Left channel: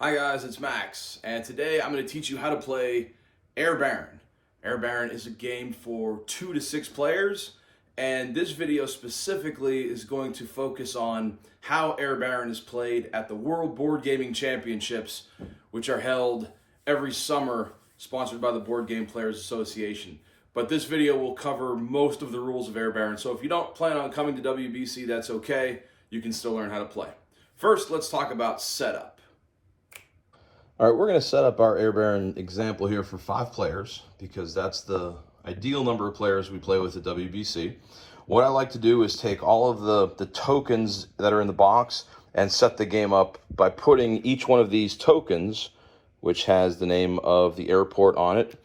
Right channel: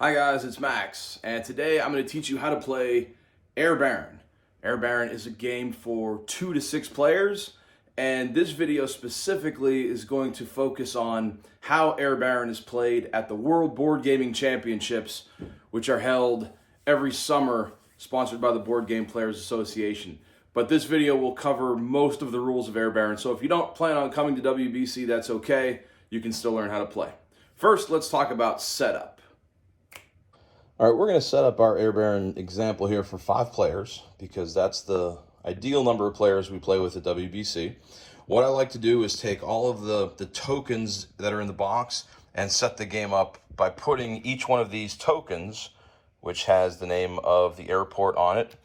Hi guys, it's Max, and today I'm going to teach you how to play Air Baron. Air Baron is a game for 2 to 6 players, and this video specifically is going to focus on how Air Baron is played at the World Board Gaming Championships, which are held every summer, sponsored by the Board Game Players Association. But this video will cover most of the rules of Air Baron, so if you don't plan on coming to WBC, that's okay. You can still learn how to play. First, let's talk about setup. All right, we're going to set up our Air Baron example here for 5 players because that's the ideal number of players we play with at WBC. What I like to do is take all of the tokens that are in the box and set the game up by putting each one of these tokens, which has the name of the airport on it,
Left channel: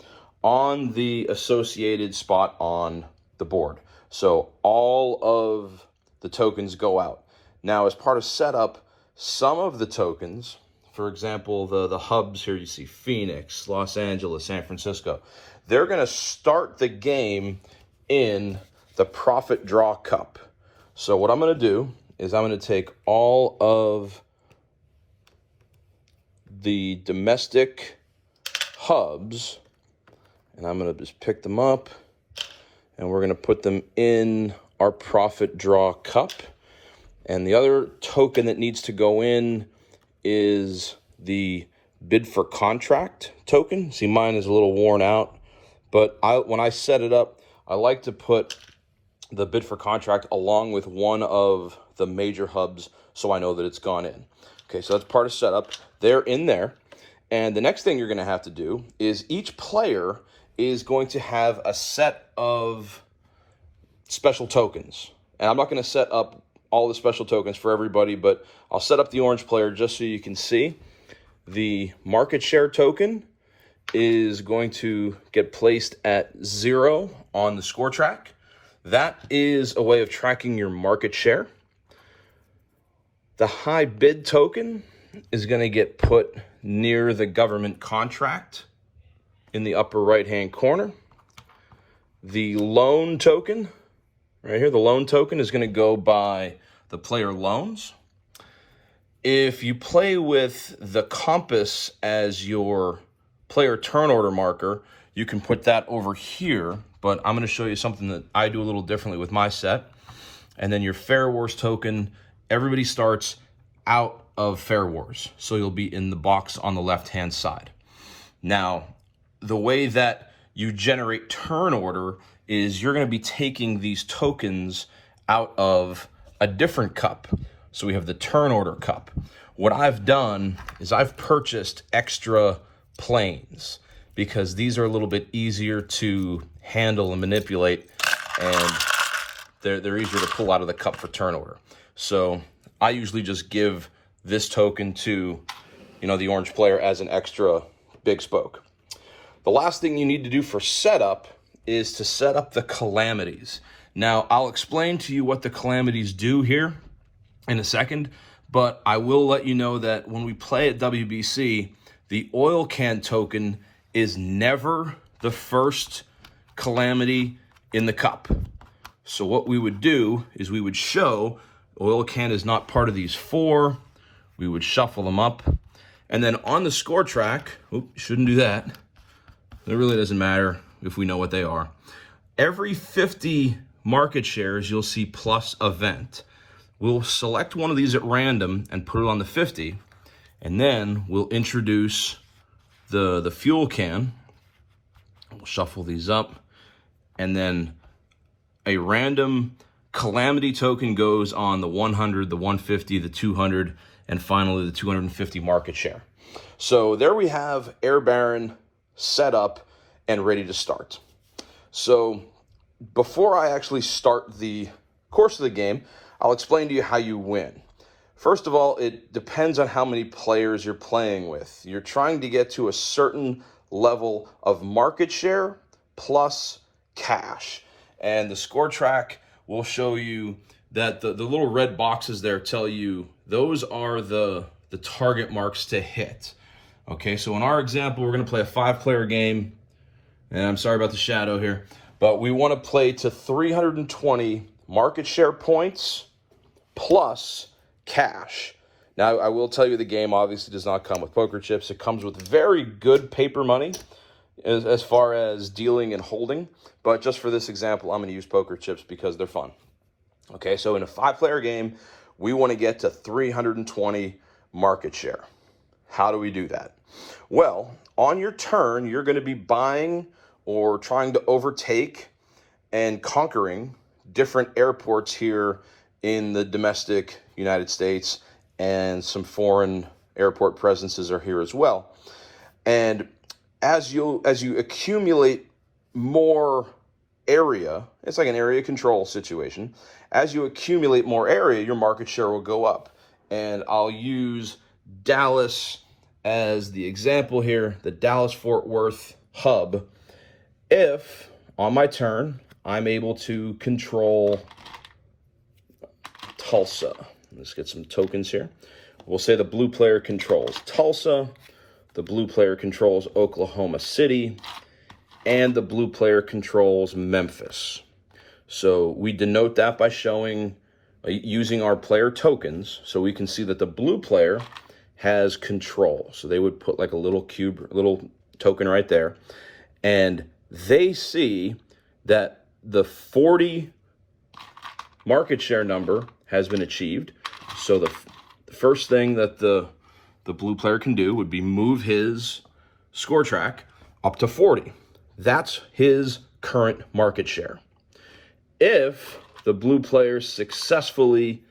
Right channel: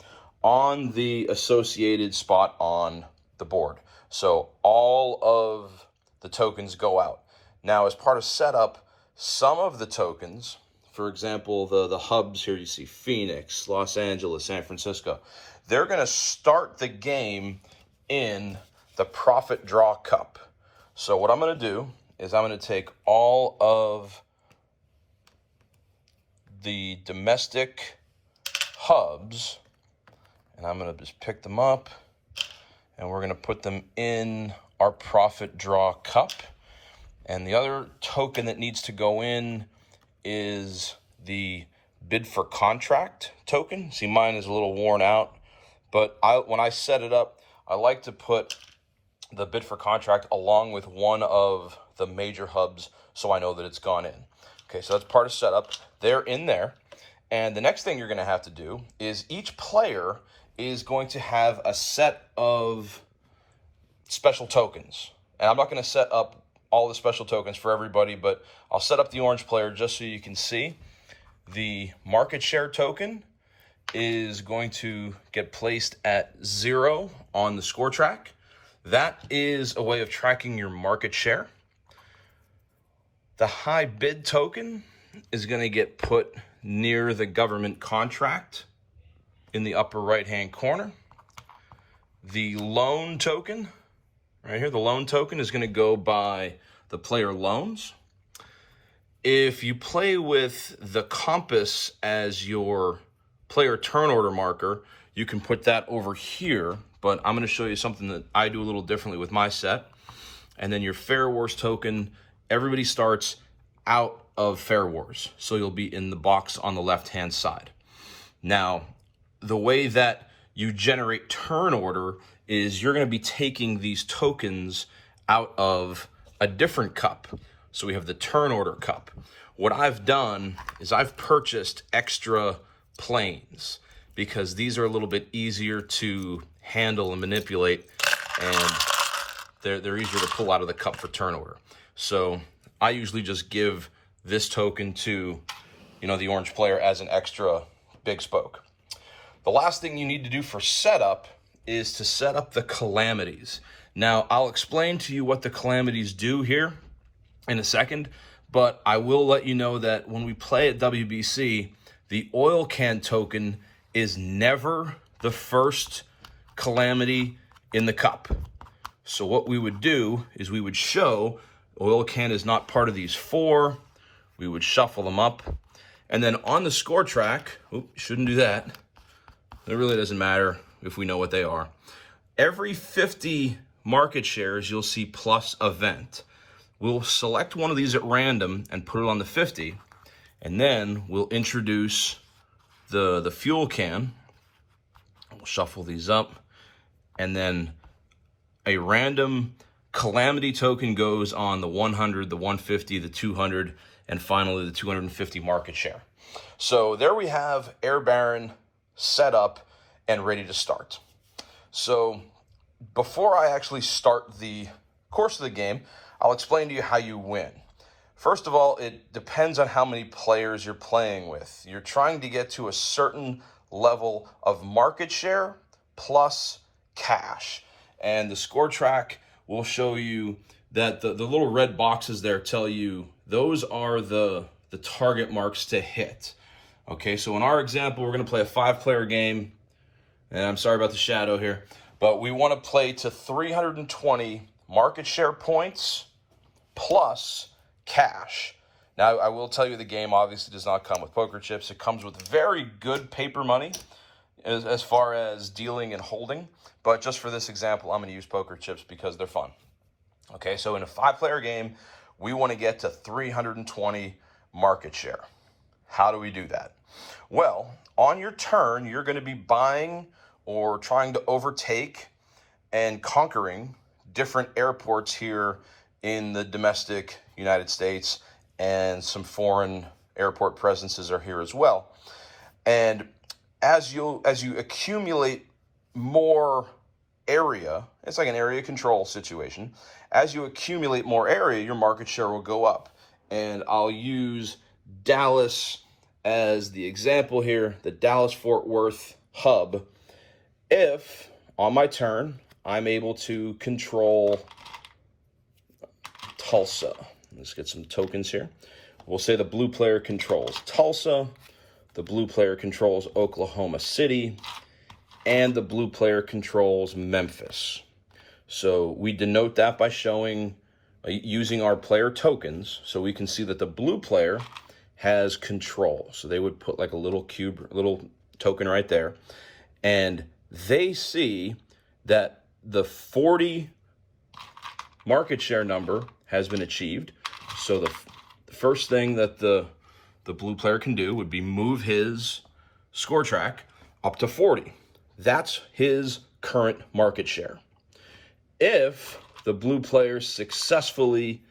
on the associated spot on the board. So all of the tokens go out. Now, as part of setup, some of the tokens, for example, the hubs here, you see Phoenix, Los Angeles, San Francisco, they're going to start the game in the Profit Draw Cup. So what I'm going to do is I'm going to take all of the domestic hubs, and I'm going to just pick them up, and we're going to put them in our Profit Draw Cup. And the other token that needs to go in is the bid for contract token. See, mine is a little worn out, but when I set it up, I like to put the bid for contract along with one of the major hubs so I know that it's gone in. Okay, so that's part of setup. They're in there. And the next thing you're going to have to do is each player is going to have a set of special tokens. And I'm not going to set up all the special tokens for everybody, but I'll set up the orange player just so you can see. The market share token is going to get placed at 0 on the score track. That is a way of tracking your market share. The high bid token is going to get put near the government contract in the upper right-hand corner. The loan token, right here, the loan token is going to go by the player loans. If you play with the compass as your player turn order marker, you can put that over here, but I'm going to show you something that I do a little differently with my set. And then your Fair Wars token, everybody starts out of Fair Wars, so you'll be in the box on the left-hand side. Now, the way that you generate turn order is you're going to be taking these tokens out of a different cup. So we have the turn order cup. What I've done is I've purchased extra planes because these are a little bit easier to handle and manipulate, and they're easier to pull out of the cup for turn order. So I usually just give this token to, the orange player as an extra big spoke. The last thing you need to do for setup is to set up the calamities. Now, I'll explain to you what the calamities do here in a second, but I will let you know that when we play at WBC, the oil can token is never the first calamity in the cup. So what we would do is we would show oil can is not part of these 4. We would shuffle them up. And then on the score track, shouldn't do that. It really doesn't matter if we know what they are. Every 50 market shares, you'll see plus event. We'll select one of these at random and put it on the 50, and then we'll introduce the fuel can. We'll shuffle these up, and then a random calamity token goes on the 100, the 150, the 200, and finally the 250 market share. So there we have Air Baron set up and ready to start. So before I actually start the course of the game, I'll explain to you how you win. First of all, it depends on how many players you're playing with. You're trying to get to a certain level of market share plus cash. And the score track will show you that the little red boxes there tell you those are the target marks to hit. Okay, so in our example, we're going to play a 5-player game. And I'm sorry about the shadow here, but we want to play to 320 market share points plus cash. Now, I will tell you the game obviously does not come with poker chips. It comes with very good paper money as far as dealing and holding. But just for this example, I'm going to use poker chips because they're fun. Okay, so in a 5-player game, we want to get to 320 market share. How do we do that? Well, on your turn, you're going to be buying or trying to overtake and conquering different airports here in the domestic United States, and some foreign airport presences are here as well. And as you accumulate more area, it's like an area control situation. As you accumulate more area, your market share will go up. And I'll use Dallas as the example here, the Dallas-Fort Worth hub. If on my turn, I'm able to control Tulsa. Let's get some tokens here. We'll say the blue player controls Tulsa, the blue player controls Oklahoma City, and the blue player controls Memphis. So we denote that by showing, using our player tokens, so we can see that the blue player has control. So they would put like a little cube, little token right there, and they see that the 40 market share number has been achieved. So the first thing that the blue player can do would be move his score track up to 40. That's his current market share. If the blue player successfully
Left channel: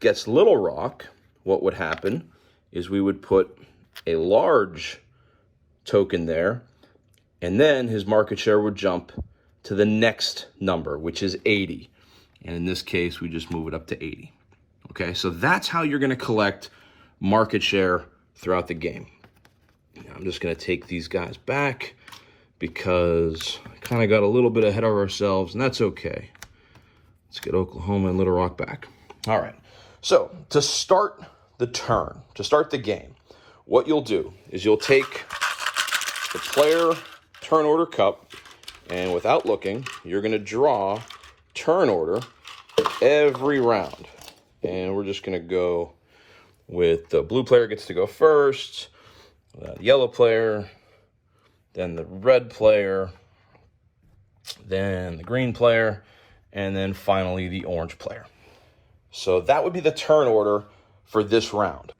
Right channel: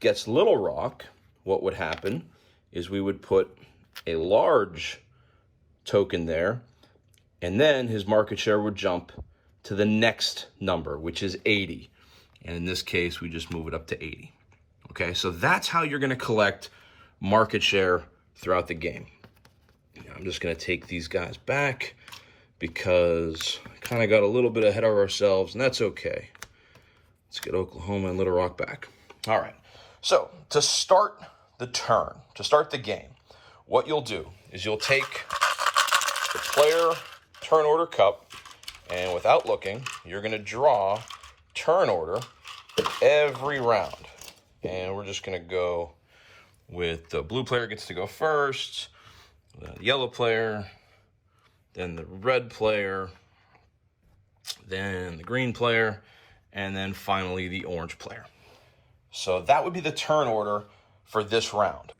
gets Little Rock, what would happen is we would put a large token there, and then his market share would jump to the next number, which is 80. And in this case, we just move it up to 80. Okay, so that's how you're going to collect market share throughout the game. I'm just going to take these guys back because kind of got a little bit ahead of ourselves, and that's okay. Let's get Oklahoma and Little Rock back. All right, so to start the turn, to start the game, what you'll do is you'll take the player turn order cup, and without looking, you're going to draw turn order every round. And we're just going to go with the blue player gets to go first, the yellow player, then the red player, then the green player, and then finally the orange player. So that would be the turn order for this round.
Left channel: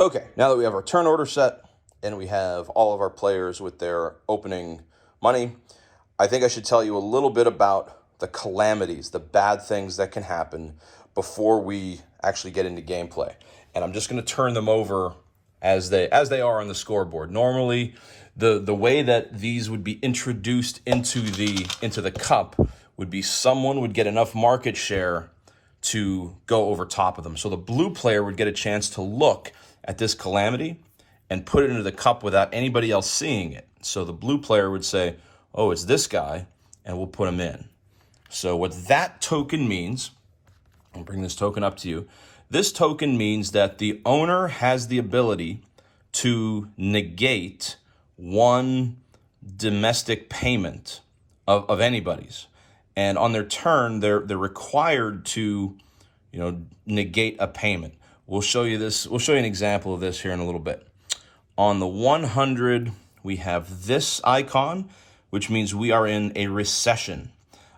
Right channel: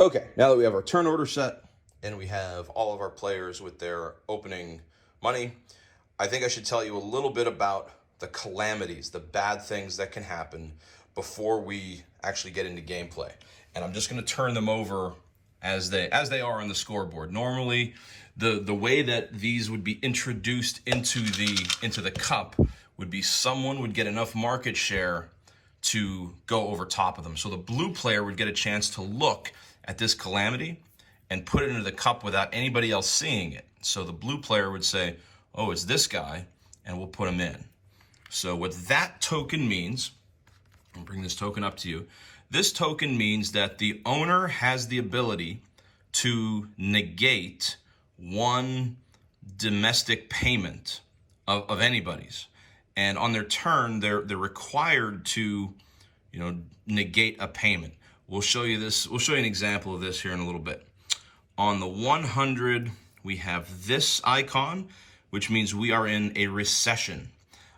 Okay, now that we have our turn order set and we have all of our players with their opening money, I think I should tell you a little bit about the calamities, the bad things that can happen before we actually get into gameplay. And I'm just going to turn them over as they are on the scoreboard. Normally, the way that these would be introduced into the cup would be someone would get enough market share to go over top of them. So the blue player would get a chance to look at this calamity and put it into the cup without anybody else seeing it. So the blue player would say, oh, it's this guy, and we'll put him in. So what that token means, I'll bring this token up to you. This token means that the owner has the ability to negate one domestic payment of anybody's. And on their turn, they're required to, negate a payment. We'll show you this. We'll show you an example of this here in a little bit. On the 100, we have this icon, which means we are in a recession.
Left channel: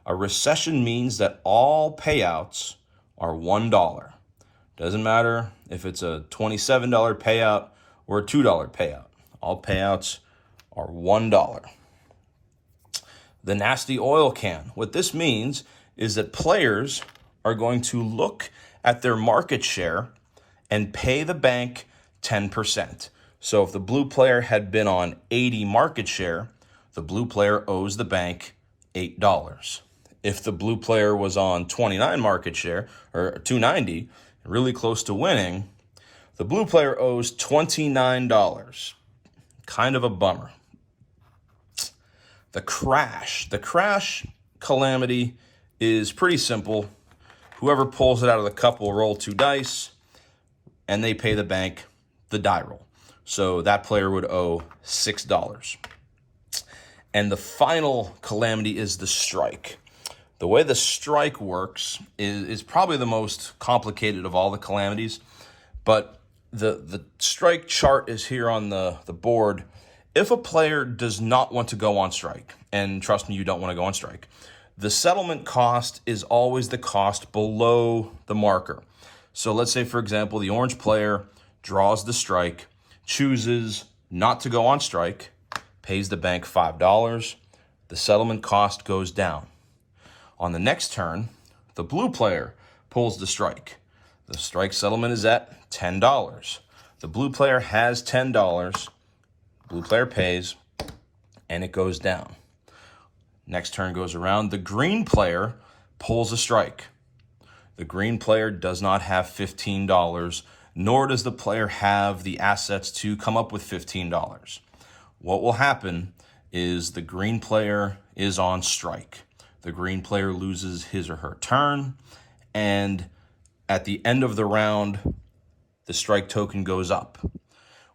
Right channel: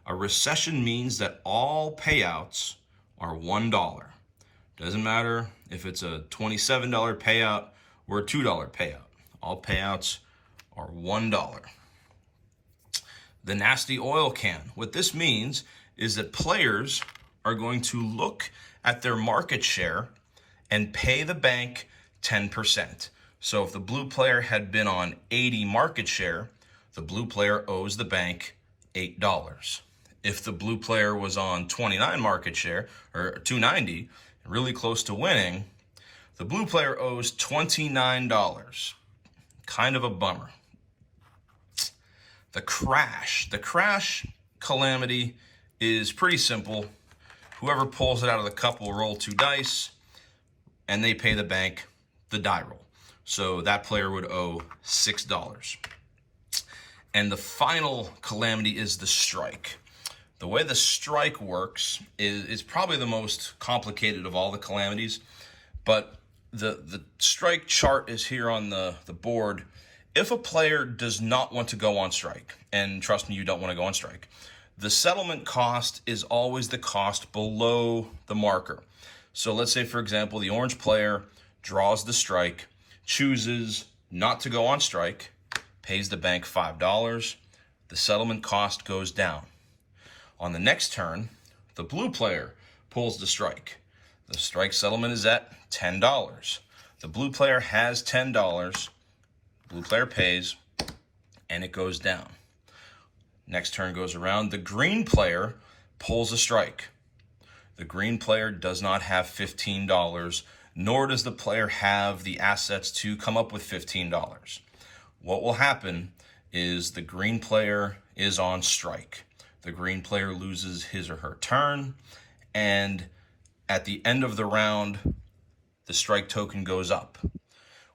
A recession means that all payouts are $1. Doesn't matter if it's a $27 payout or a $2 payout. All payouts are $1. The nasty oil can. What this means is that players are going to look at their market share and pay the bank 10%. So if the blue player had been on 80 market share, the blue player owes the bank $8. If the blue player was on 29 market share, or 290, really close to winning, the blue player owes $29. Kind of a bummer. The crash. The crash calamity is pretty simple. Whoever pulls it out of the cup will roll 2 dice, and they pay the bank the die roll. So that player would owe $6. And the final calamity is the strike. The way the strike works is probably the most complicated of all the calamities, But the strike chart is here on the board. If a player does not want to go on strike, and trust me, you don't want to go on strike, the settlement cost is always the cost below the marker. So let's say, for example, the orange player draws the strike, chooses not to go on strike, pays the bank $5, the settlement cost goes down. On the next turn, the blue player pulls the strike. The strike settlement is at $10. The blue player has $10. Blue player pays, and it goes down. Next turn goes around. The green player pulls a strike. The green player does not have $15, nor does the player have the assets to come up with $15. What will happen is the green player is on strike. The green player loses his or her turn, and at the end of the round, the strike token goes up.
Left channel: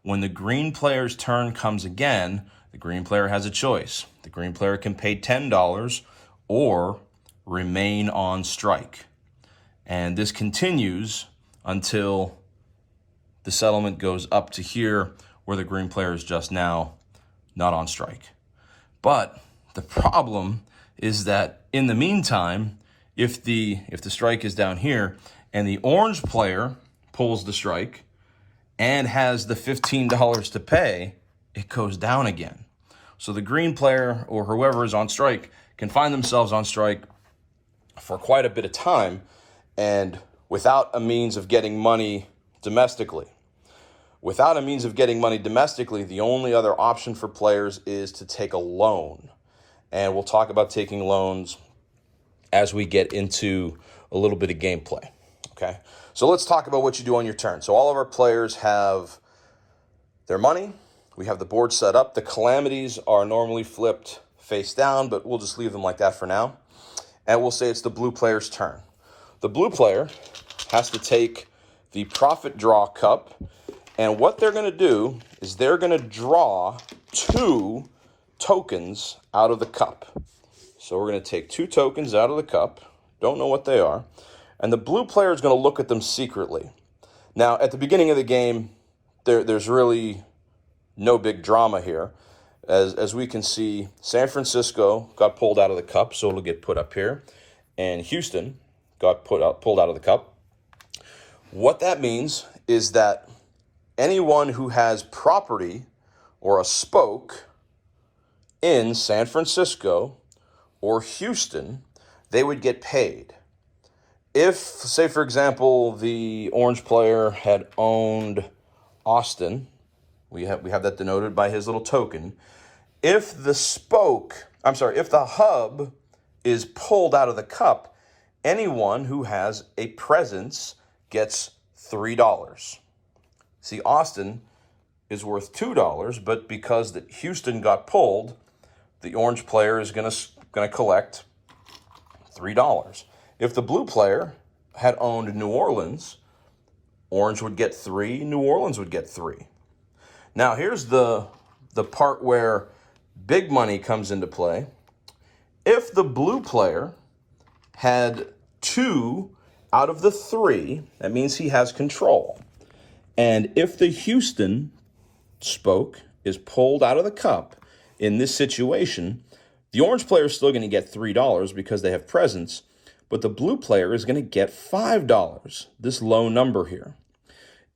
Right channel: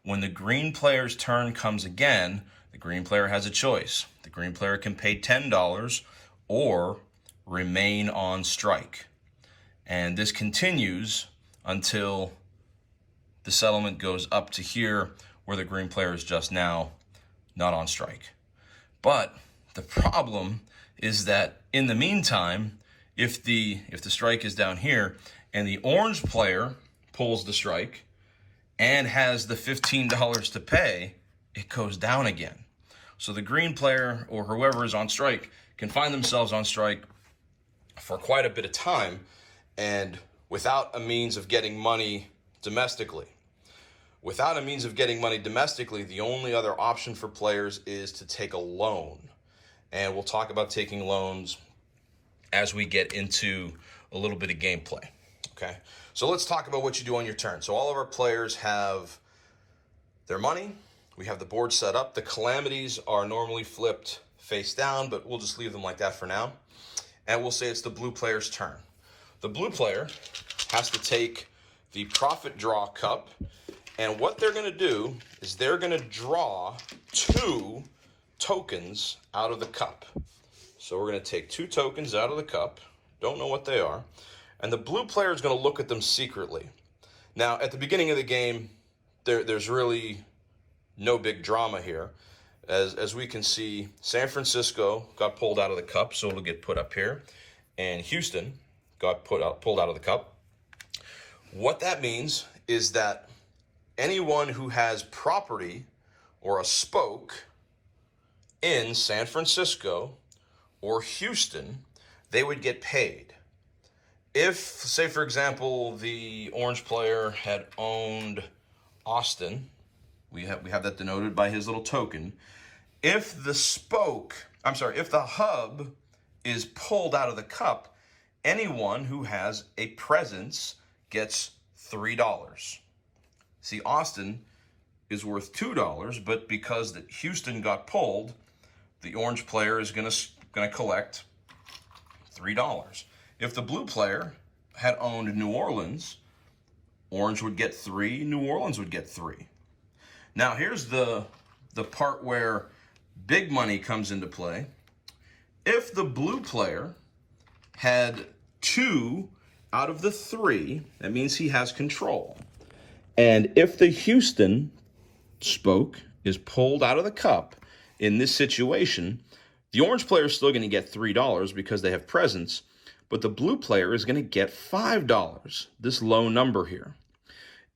When the green player's turn comes again, the green player has a choice. The green player can pay $10 or remain on strike. And this continues until the settlement goes up to here, where the green player is just now not on strike. But the problem is that in the meantime, if the strike is down here and the orange player pulls the strike and has the $15 to pay, it goes down again. So the green player or whoever is on strike can find themselves on strike for quite a bit of time and without a means of getting money domestically. Without a means of getting money domestically, the only other option for players is to take a loan. And we'll talk about taking loans as we get into a little bit of gameplay, okay? So let's talk about what you do on your turn. So all of our players have their money. We have the board set up. The calamities are normally flipped face down, but we'll just leave them like that for now. And we'll say it's the blue player's turn. The blue player has to take the profit draw cup, and what they're going to do is they're going to draw 2 tokens out of the cup. So we're going to take 2 tokens out of the cup. Don't know what they are. And the blue player is going to look at them secretly. Now, at the beginning of the game, there's really no big drama here. As we can see, San Francisco got pulled out of the cup, so it'll get put up here. And Houston got pulled out of the cup. What that means is that anyone who has property or a spoke in San Francisco or Houston, they would get paid. If, say, for example, the orange player had owned Austin, we have that denoted by his little token. If the hub is pulled out of the cup, anyone who has a presence gets $3. See, Austin is worth $2, but because that Houston got pulled, the orange player is gonna collect $3. If the blue player had owned New Orleans, orange would get 3, New Orleans would get 3. Now here's the part where big money comes into play. If the blue player had 2 out of the 3, that means he has control. And if the Houston spoke is pulled out of the cup in this situation, the orange player is still going to get $3 because they have presence, but the blue player is going to get $5, this low number here.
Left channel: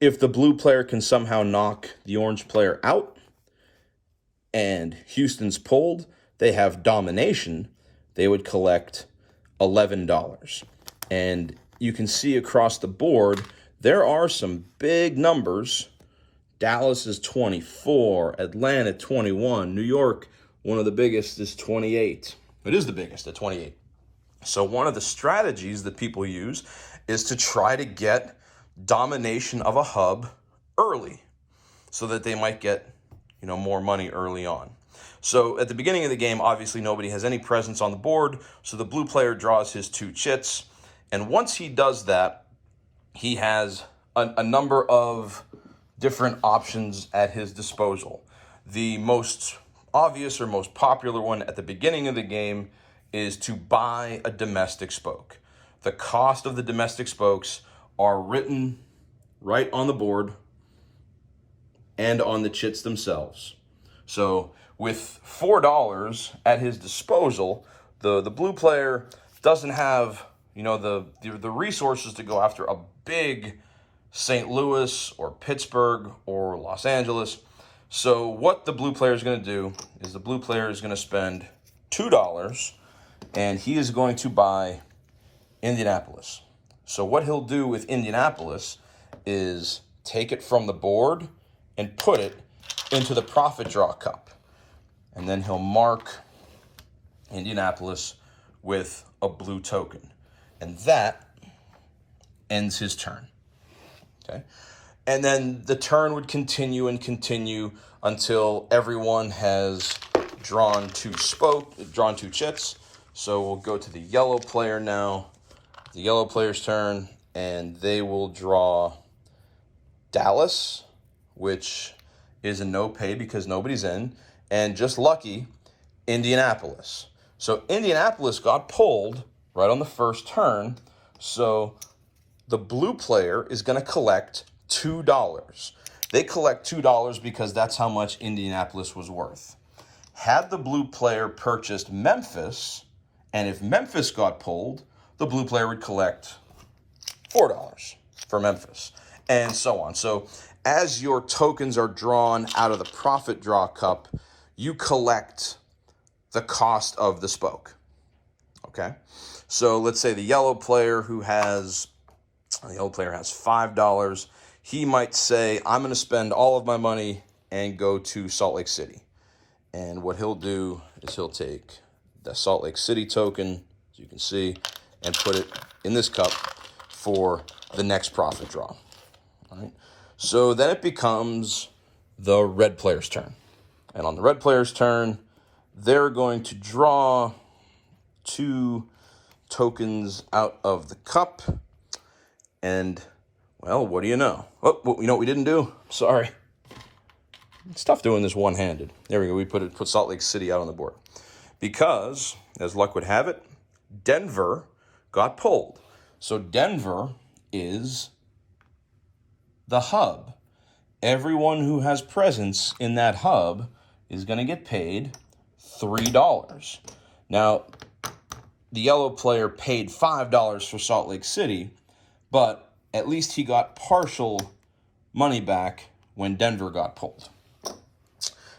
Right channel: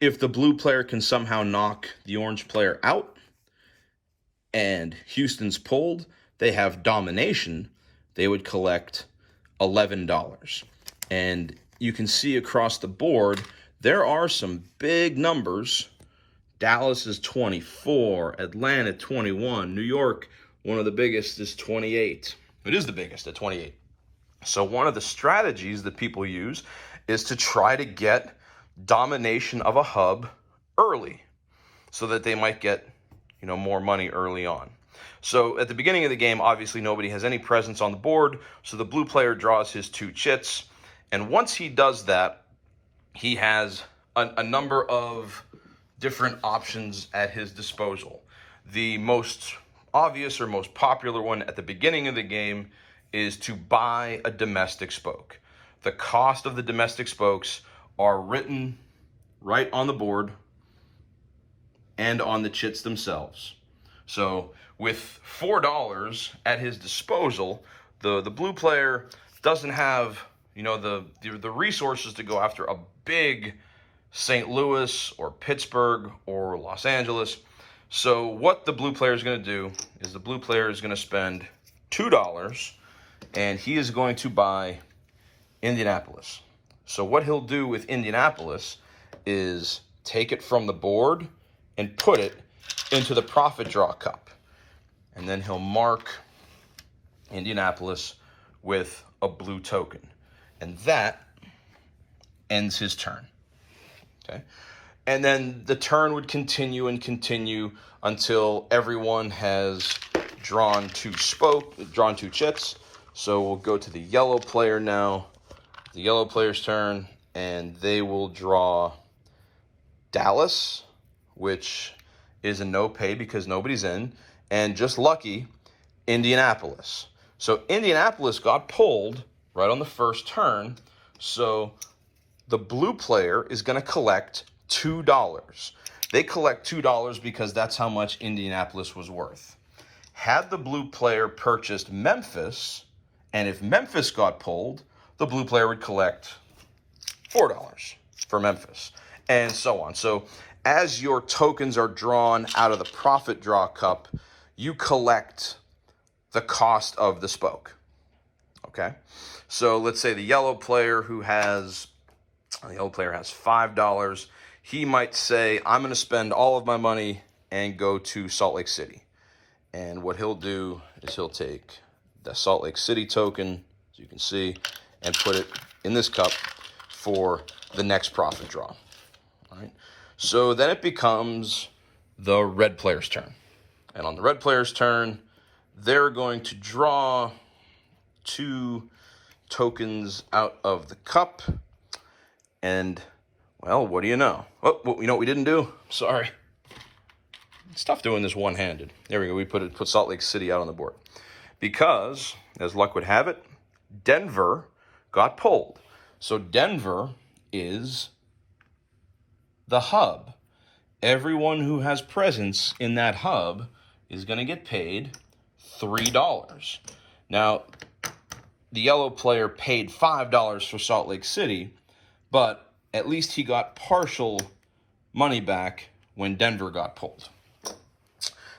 If the blue player can somehow knock the orange player out and Houston's pulled, they have domination, they would collect $11. And you can see across the board, there are some big numbers. Dallas is 24, Atlanta 21, New York, one of the biggest, is 28. It is the biggest at 28. So one of the strategies that people use is to try to get domination of a hub early so that they might get, more money early on. So at the beginning of the game, obviously nobody has any presence on the board, so the blue player draws his 2 chits, and once he does that, he has a number of different options at his disposal. The most obvious or most popular one at the beginning of the game is to buy a domestic spoke. The cost of the domestic spokes are written right on the board and on the chits themselves. So with $4 at his disposal, the blue player doesn't have, you know, the resources to go after a big St. Louis or Pittsburgh or Los Angeles. So what the blue player is going to do is the blue player is going to spend $2 and he is going to buy Indianapolis. So what he'll do with Indianapolis is take it from the board and put it into the profit draw cup. And then he'll mark Indianapolis with a blue token. And that ends his turn. Okay? And then the turn would continue and continue until everyone has drawn two chits. So we'll go to the yellow player now. The yellow player's turn, and they will draw Dallas, which is a no pay because nobody's in, and just lucky, Indianapolis. So Indianapolis got pulled right on the first turn, so the blue player is going to collect $2. They collect $2 because that's how much Indianapolis was worth. Had the blue player purchased Memphis, and if Memphis got pulled, the blue player would collect $4 for Memphis, and so on. So as your tokens are drawn out of the profit draw cup, you collect the cost of the spoke. Okay? So let's say the yellow player has $5. He might say, I'm going to spend all of my money and go to Salt Lake City. And what he'll do is he'll take the Salt Lake City token, as you can see, and put it in this cup for the next profit draw. All right. So then it becomes the red player's turn. And on the red player's turn, they're going to draw two tokens out of the cup. And, well, what do you know? Oh, you know what we didn't do? Sorry. It's tough doing this one-handed. There we go. We put Salt Lake City out on the board. Because, as luck would have it, Denver got pulled. So Denver is the hub. Everyone who has presence in that hub is going to get paid $3. Now, the yellow player paid $5 for Salt Lake City, but at least he got partial money back when Denver got pulled.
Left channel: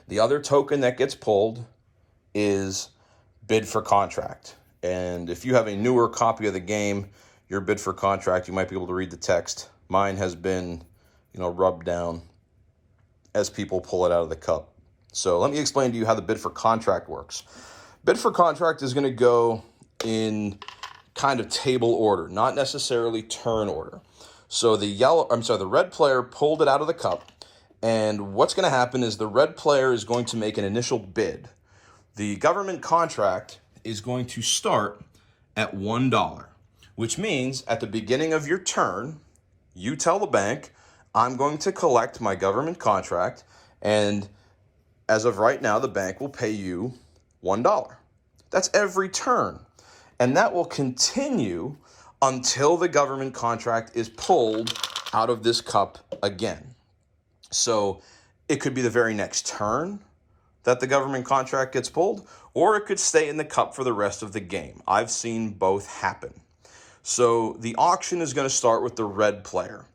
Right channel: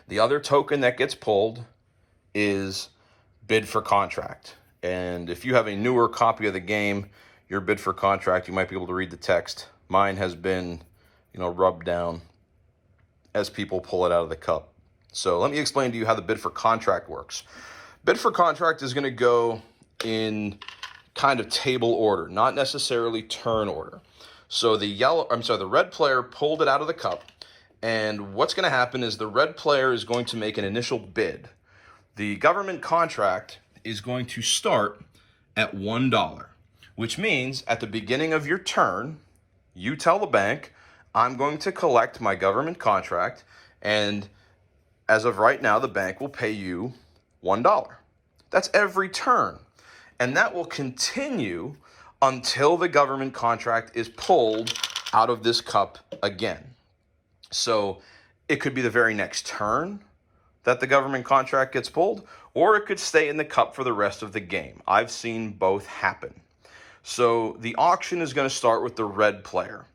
The other token that gets pulled is bid for contract. And if you have a newer copy of the game, your bid for contract, you might be able to read the text. Mine has been, rubbed down as people pull it out of the cup. So let me explain to you how the bid for contract works. Bid for contract is going to go in kind of table order, not necessarily turn order. So the red player pulled it out of the cup, and what's going to happen is the red player is going to make an initial bid. The government contract is going to start at $1, which means at the beginning of your turn, you tell the bank, I'm going to collect my government contract, and as of right now, the bank will pay you $1. That's every turn. And that will continue until the government contract is pulled out of this cup again. So it could be the very next turn that the government contract gets pulled, or it could stay in the cup for the rest of the game. I've seen both happen. So the auction is going to start with the red player.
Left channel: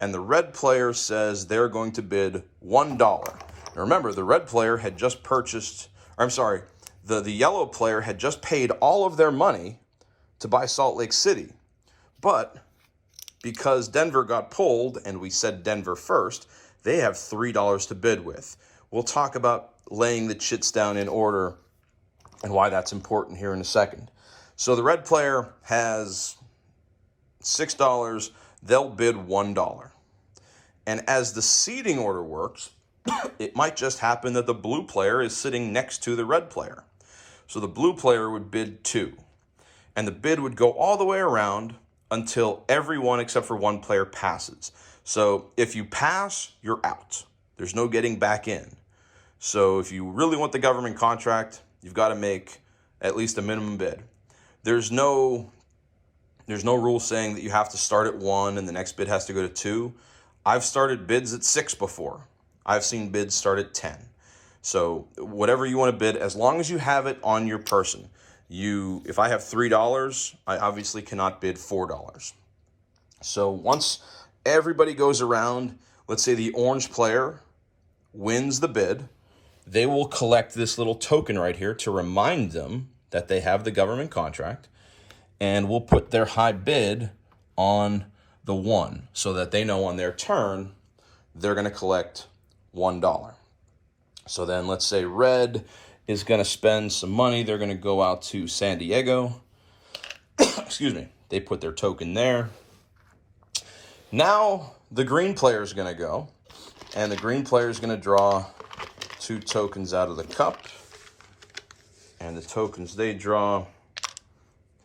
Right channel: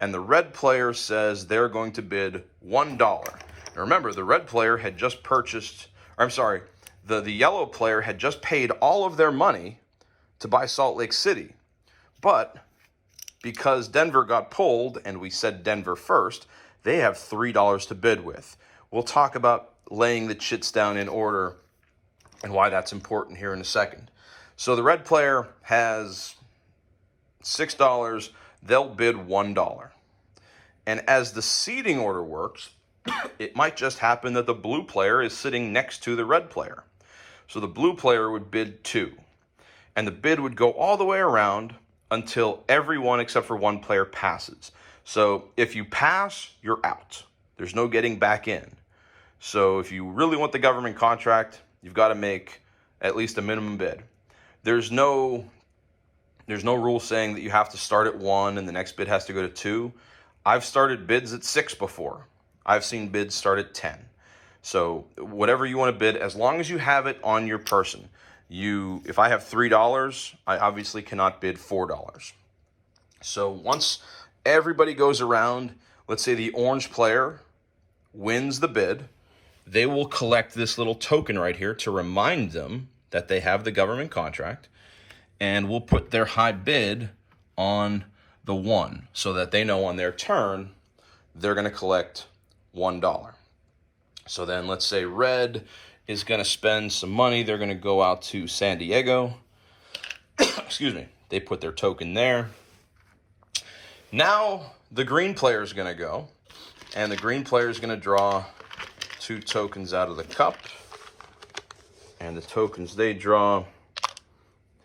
And the red player says they're going to bid $1. Now remember, the red player had just the yellow player had just paid all of their money to buy Salt Lake City. But because Denver got pulled, and we said Denver first, they have $3 to bid with. We'll talk about laying the chits down in order and why that's important here in a second. So the red player has $6. They'll bid $1. And as the seeding order works, it might just happen that the blue player is sitting next to the red player. So the blue player would bid $2. And the bid would go all the way around until everyone except for one player passes. So if you pass, you're out. There's no getting back in. So if you really want the government contract, you've got to make at least a minimum bid. There's no rule saying that you have to start at 1 and the next bid has to go to 2. I've started bids at 6 before. I've seen bids start at 10. So whatever you want to bid, as long as you have it on your person. If I have $3, I obviously cannot bid $4. So once everybody goes around, let's say the orange player wins the bid, they will collect this little token right here to remind them that they have the government contract, and we'll put their high bid on the 1 so that they know on their turn they're going to collect $1. So then let's say red is going to spend some money. They're going to go out to San Diego. Excuse me. They put their token there. Now the green player is going to go, and the green player is going to draw 2 tokens out of the cup. And the tokens they draw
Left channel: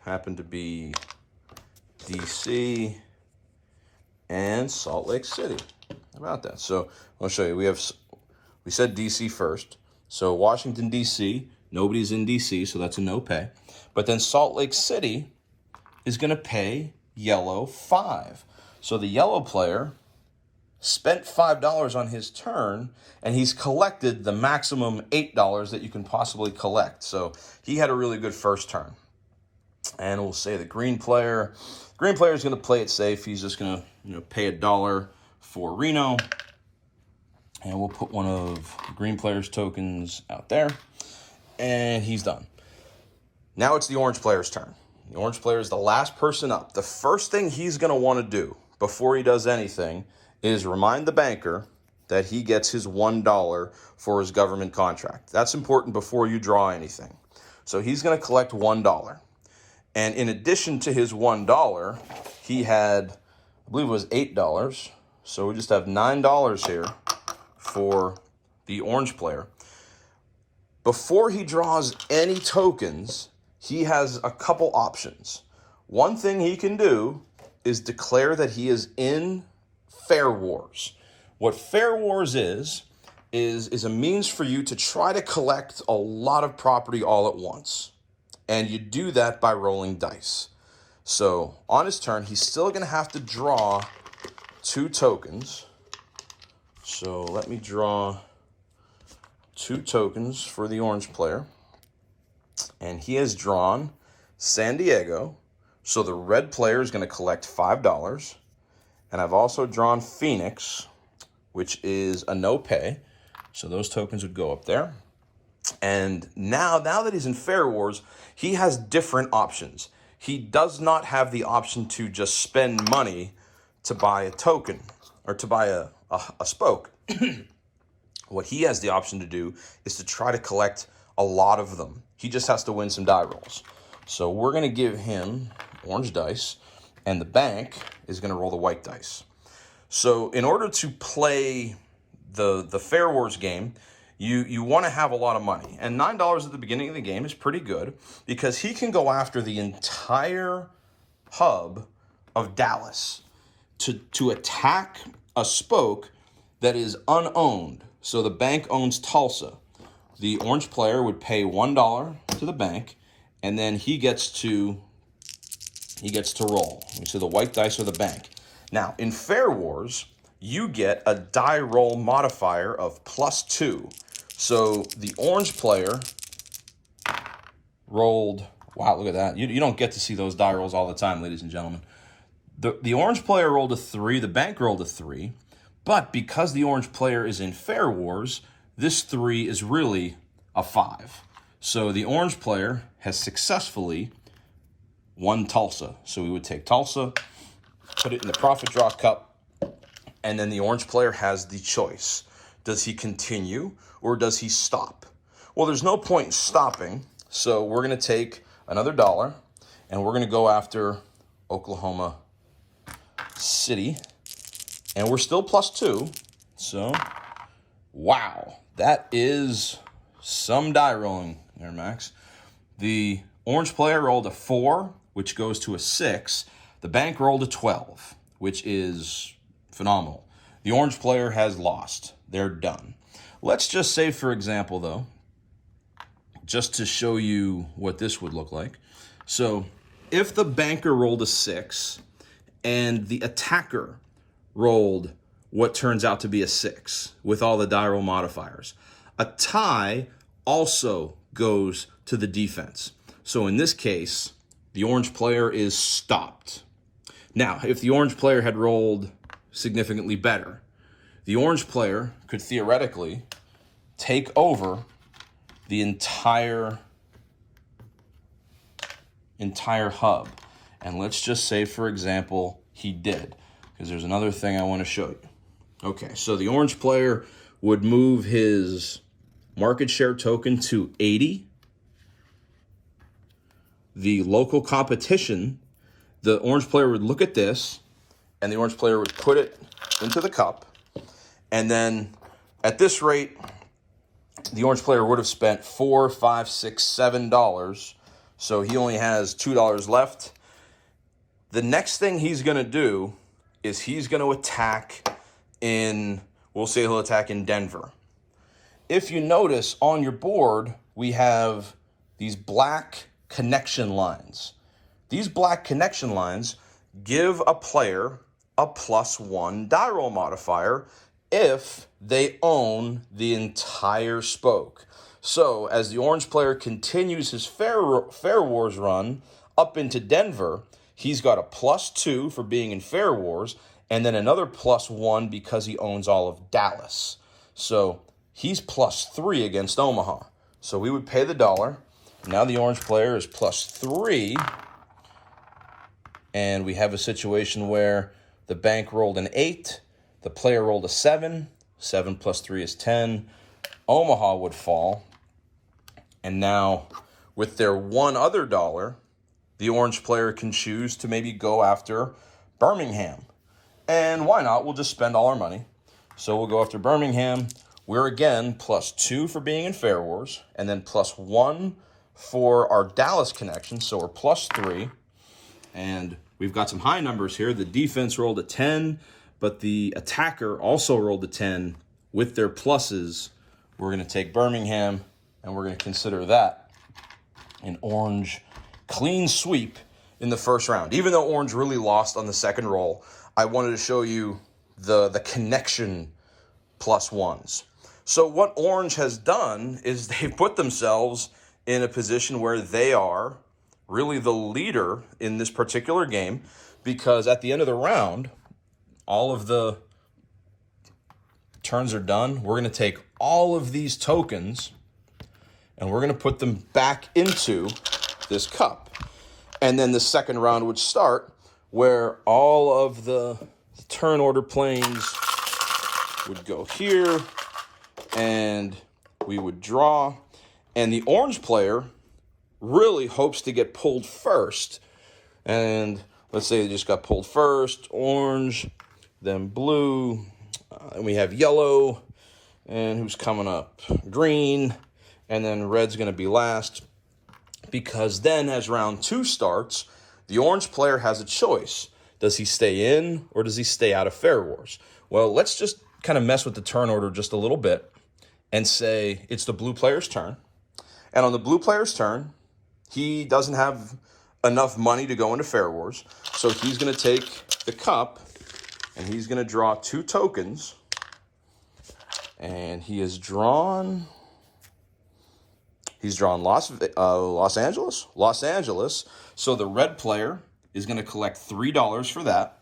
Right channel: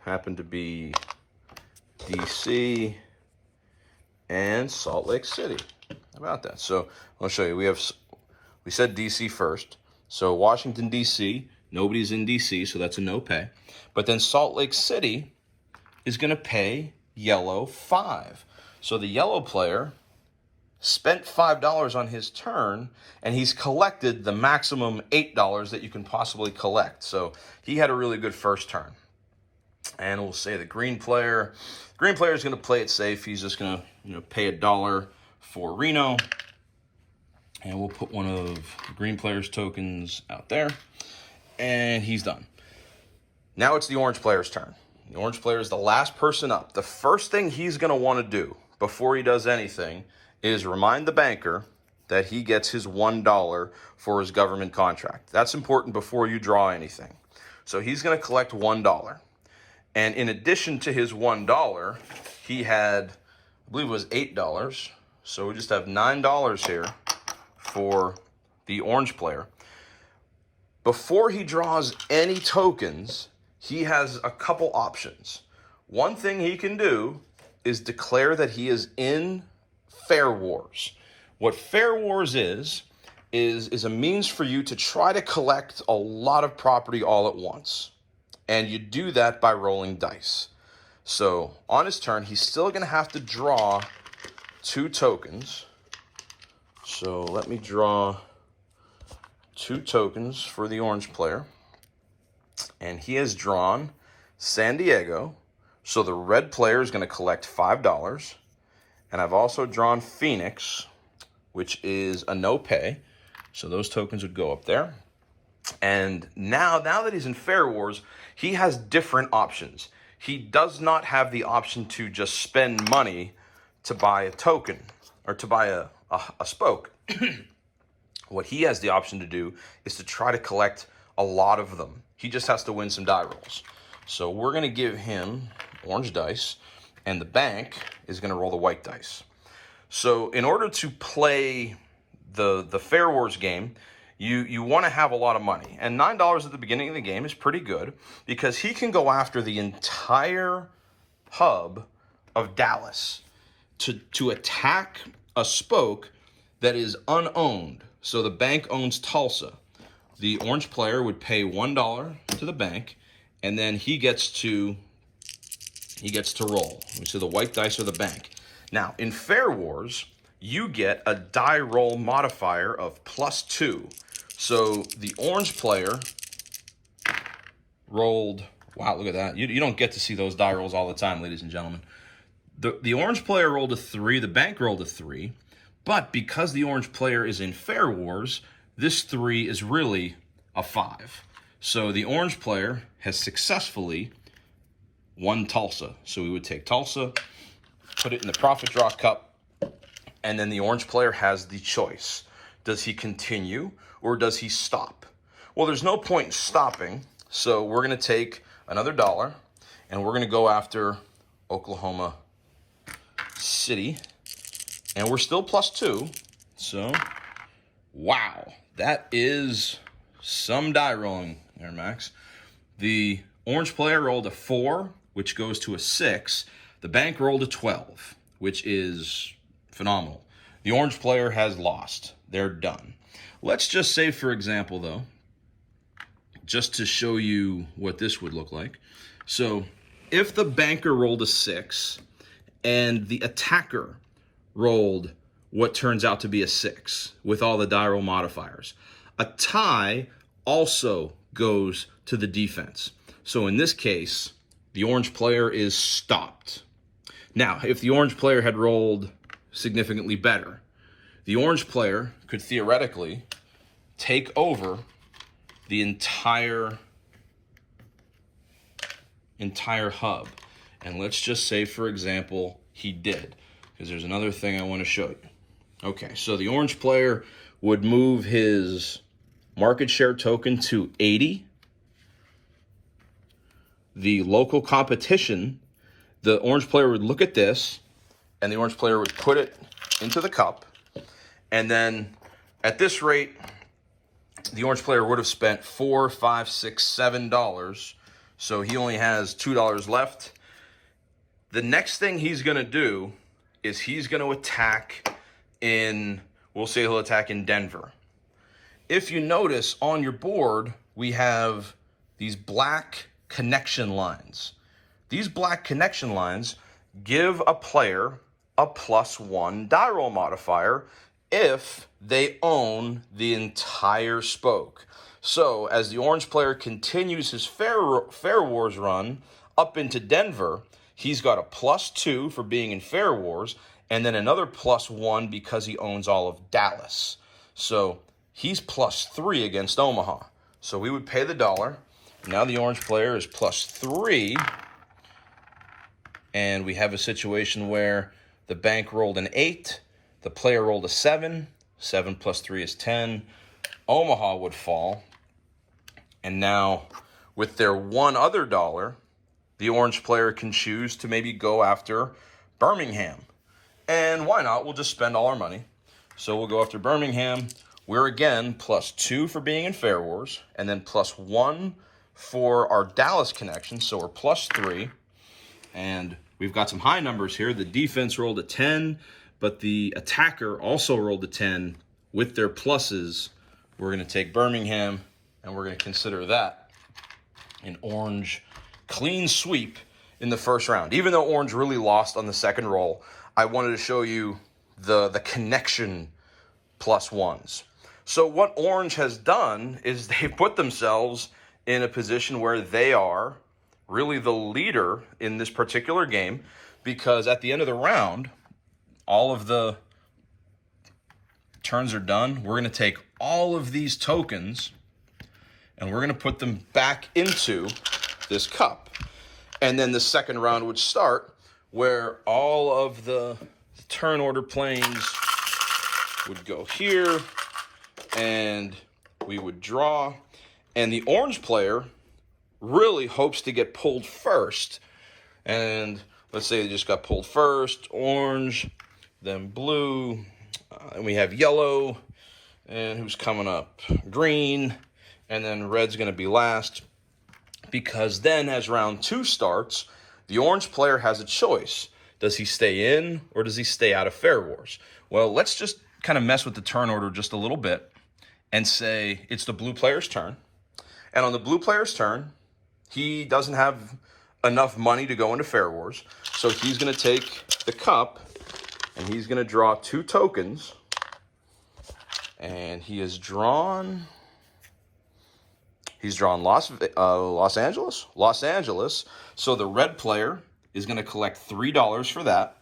happen to be DC and Salt Lake City. How about that? So I'll show you. We said DC first. So Washington, D.C., nobody's in D.C., so that's a no pay. But then Salt Lake City is going to pay yellow 5. So the yellow player spent $5 on his turn, and he's collected the maximum $8 that you can possibly collect. So he had a really good first turn. And we'll say the green player is going to play it safe. He's just going to pay $1 for Reno. And we'll put one of the green player's tokens out there. And he's done. Now it's the orange player's turn. The orange player is the last person up. The first thing he's going to want to do before he does anything is remind the banker that he gets his $1 for his government contract. That's important before you draw anything. So he's going to collect $1. And in addition to his $1, he had, I believe it was $8. So we just have $9 here for the orange player. Before he draws any tokens, he has a couple options. One thing he can do is declare that he is in Fair Wars. What Fair Wars is a means for you to try to collect a lot of property all at once. And you do that by rolling dice. So on his turn, he's still going to have to draw 2 tokens. So let me draw 2 tokens for the orange player. And he has drawn San Diego. So the red player is going to collect $5. And I've also drawn Phoenix, which is a no pay. So those tokens would go up there. And now that he's in Fair Wars, he has different options. He does not have the option to just spend money to buy a token or to buy a spoke. What he has the option to do is to try to collect a lot of them. He just has to win some die rolls. So we're going to give him orange dice, and the bank is going to roll the white dice. So in order to play the Fair Wars game, you want to have a lot of money. And $9 at the beginning of the game is pretty good because he can go after the entire hub of Dallas to attack a spoke that is unowned. So the bank owns Tulsa. The orange player would pay $1 to the bank, and then he gets to roll. So the white dice are the bank. Now, in Fair Wars, you get a die roll modifier of +2. So the orange player rolled, wow, look at that. You don't get to see those die rolls all the time, ladies and gentlemen. The orange player rolled a 3, the bank rolled a 3, but because the orange player is in Fair Wars, this 3 is really a 5. So the orange player has successfully won Tulsa. So we would take Tulsa, put it in the profit draw cup, and then the orange player has the choice. Does he continue or does he stop? Well, there's no point in stopping, so we're going to take another $1 and we're going to go after Oklahoma City, and we're still +2. So, wow, that is some die rolling there, Max. The orange player rolled a 4, which goes to a 6. The bank rolled a 12, which is phenomenal. The orange player has lost. They're done. Let's just say, for example, though, just to show you what this would look like. So if the banker rolled a 6 and the attacker rolled what turns out to be a 6 with all the die roll modifiers. A tie also goes to the defense. So in this case, the orange player is stopped. Now, if the orange player had rolled significantly better, the orange player could theoretically take over the entire hub. And let's just say, for example, he did, because there's another thing I want to show you. Okay, so the orange player would move his market share token to 80. The local competition, the orange player would look at this, and the orange player would put it into the cup. And then at this rate, the orange player would have spent $4, $5, $6, $7. So he only has $2 left. The next thing he's going to do is he's going to attack in, we'll say he'll attack in Denver. If you notice on your board, we have these black connection lines. These black connection lines give a player a +1 die roll modifier if they own the entire spoke. So as the orange player continues his Fair Wars run up into Denver, he's got a +2 for being in Fair Wars, and then another +1 because he owns all of Dallas. So he's +3 against Omaha. So we would pay the $1. Now the orange player is +3, and we have a situation where the bank rolled an 8, the player rolled a 7, 7 + 3 is 10, Omaha would fall, and now with their one other $1, the orange player can choose to maybe go after Birmingham. And why not? We'll just spend all our money. So we'll go after Birmingham. We're again +2 for being in Fair Wars, and then +1 for our Dallas connection, so we're +3. And we've got some high numbers here. The defense rolled a 10, but the attacker also rolled a 10 with their pluses. We're going to take Birmingham, and we're going to consider that an orange clean sweep in the first round. Even though orange really lost on the second roll, I wanted to show you the connection +1s. So what orange has done is they've put themselves in a position where they are really the leader in this particular game, because at the end of the round, all of the turns are done. We're going to take all of these tokens and we're going to put them back into this cup. And then the second round would start, where all of the turn order planes would go here, and we would draw. And the orange player really hopes to get pulled first. And let's say they just got pulled first, orange, then blue, and we have yellow, and who's coming up? Green, and then red's going to be last. Because then as round 2 starts, the orange player has a choice. Does he stay in or does he stay out of Fair Wars? Well, let's just kind of mess with the turn order just a little bit and say it's the blue player's turn. And on the blue player's turn, he doesn't have enough money to go into Fair Wars. So he's going to take the cup and he's going to draw 2 tokens. And he has drawn... He's drawn Los Angeles. So the red player is going to collect $3 for that.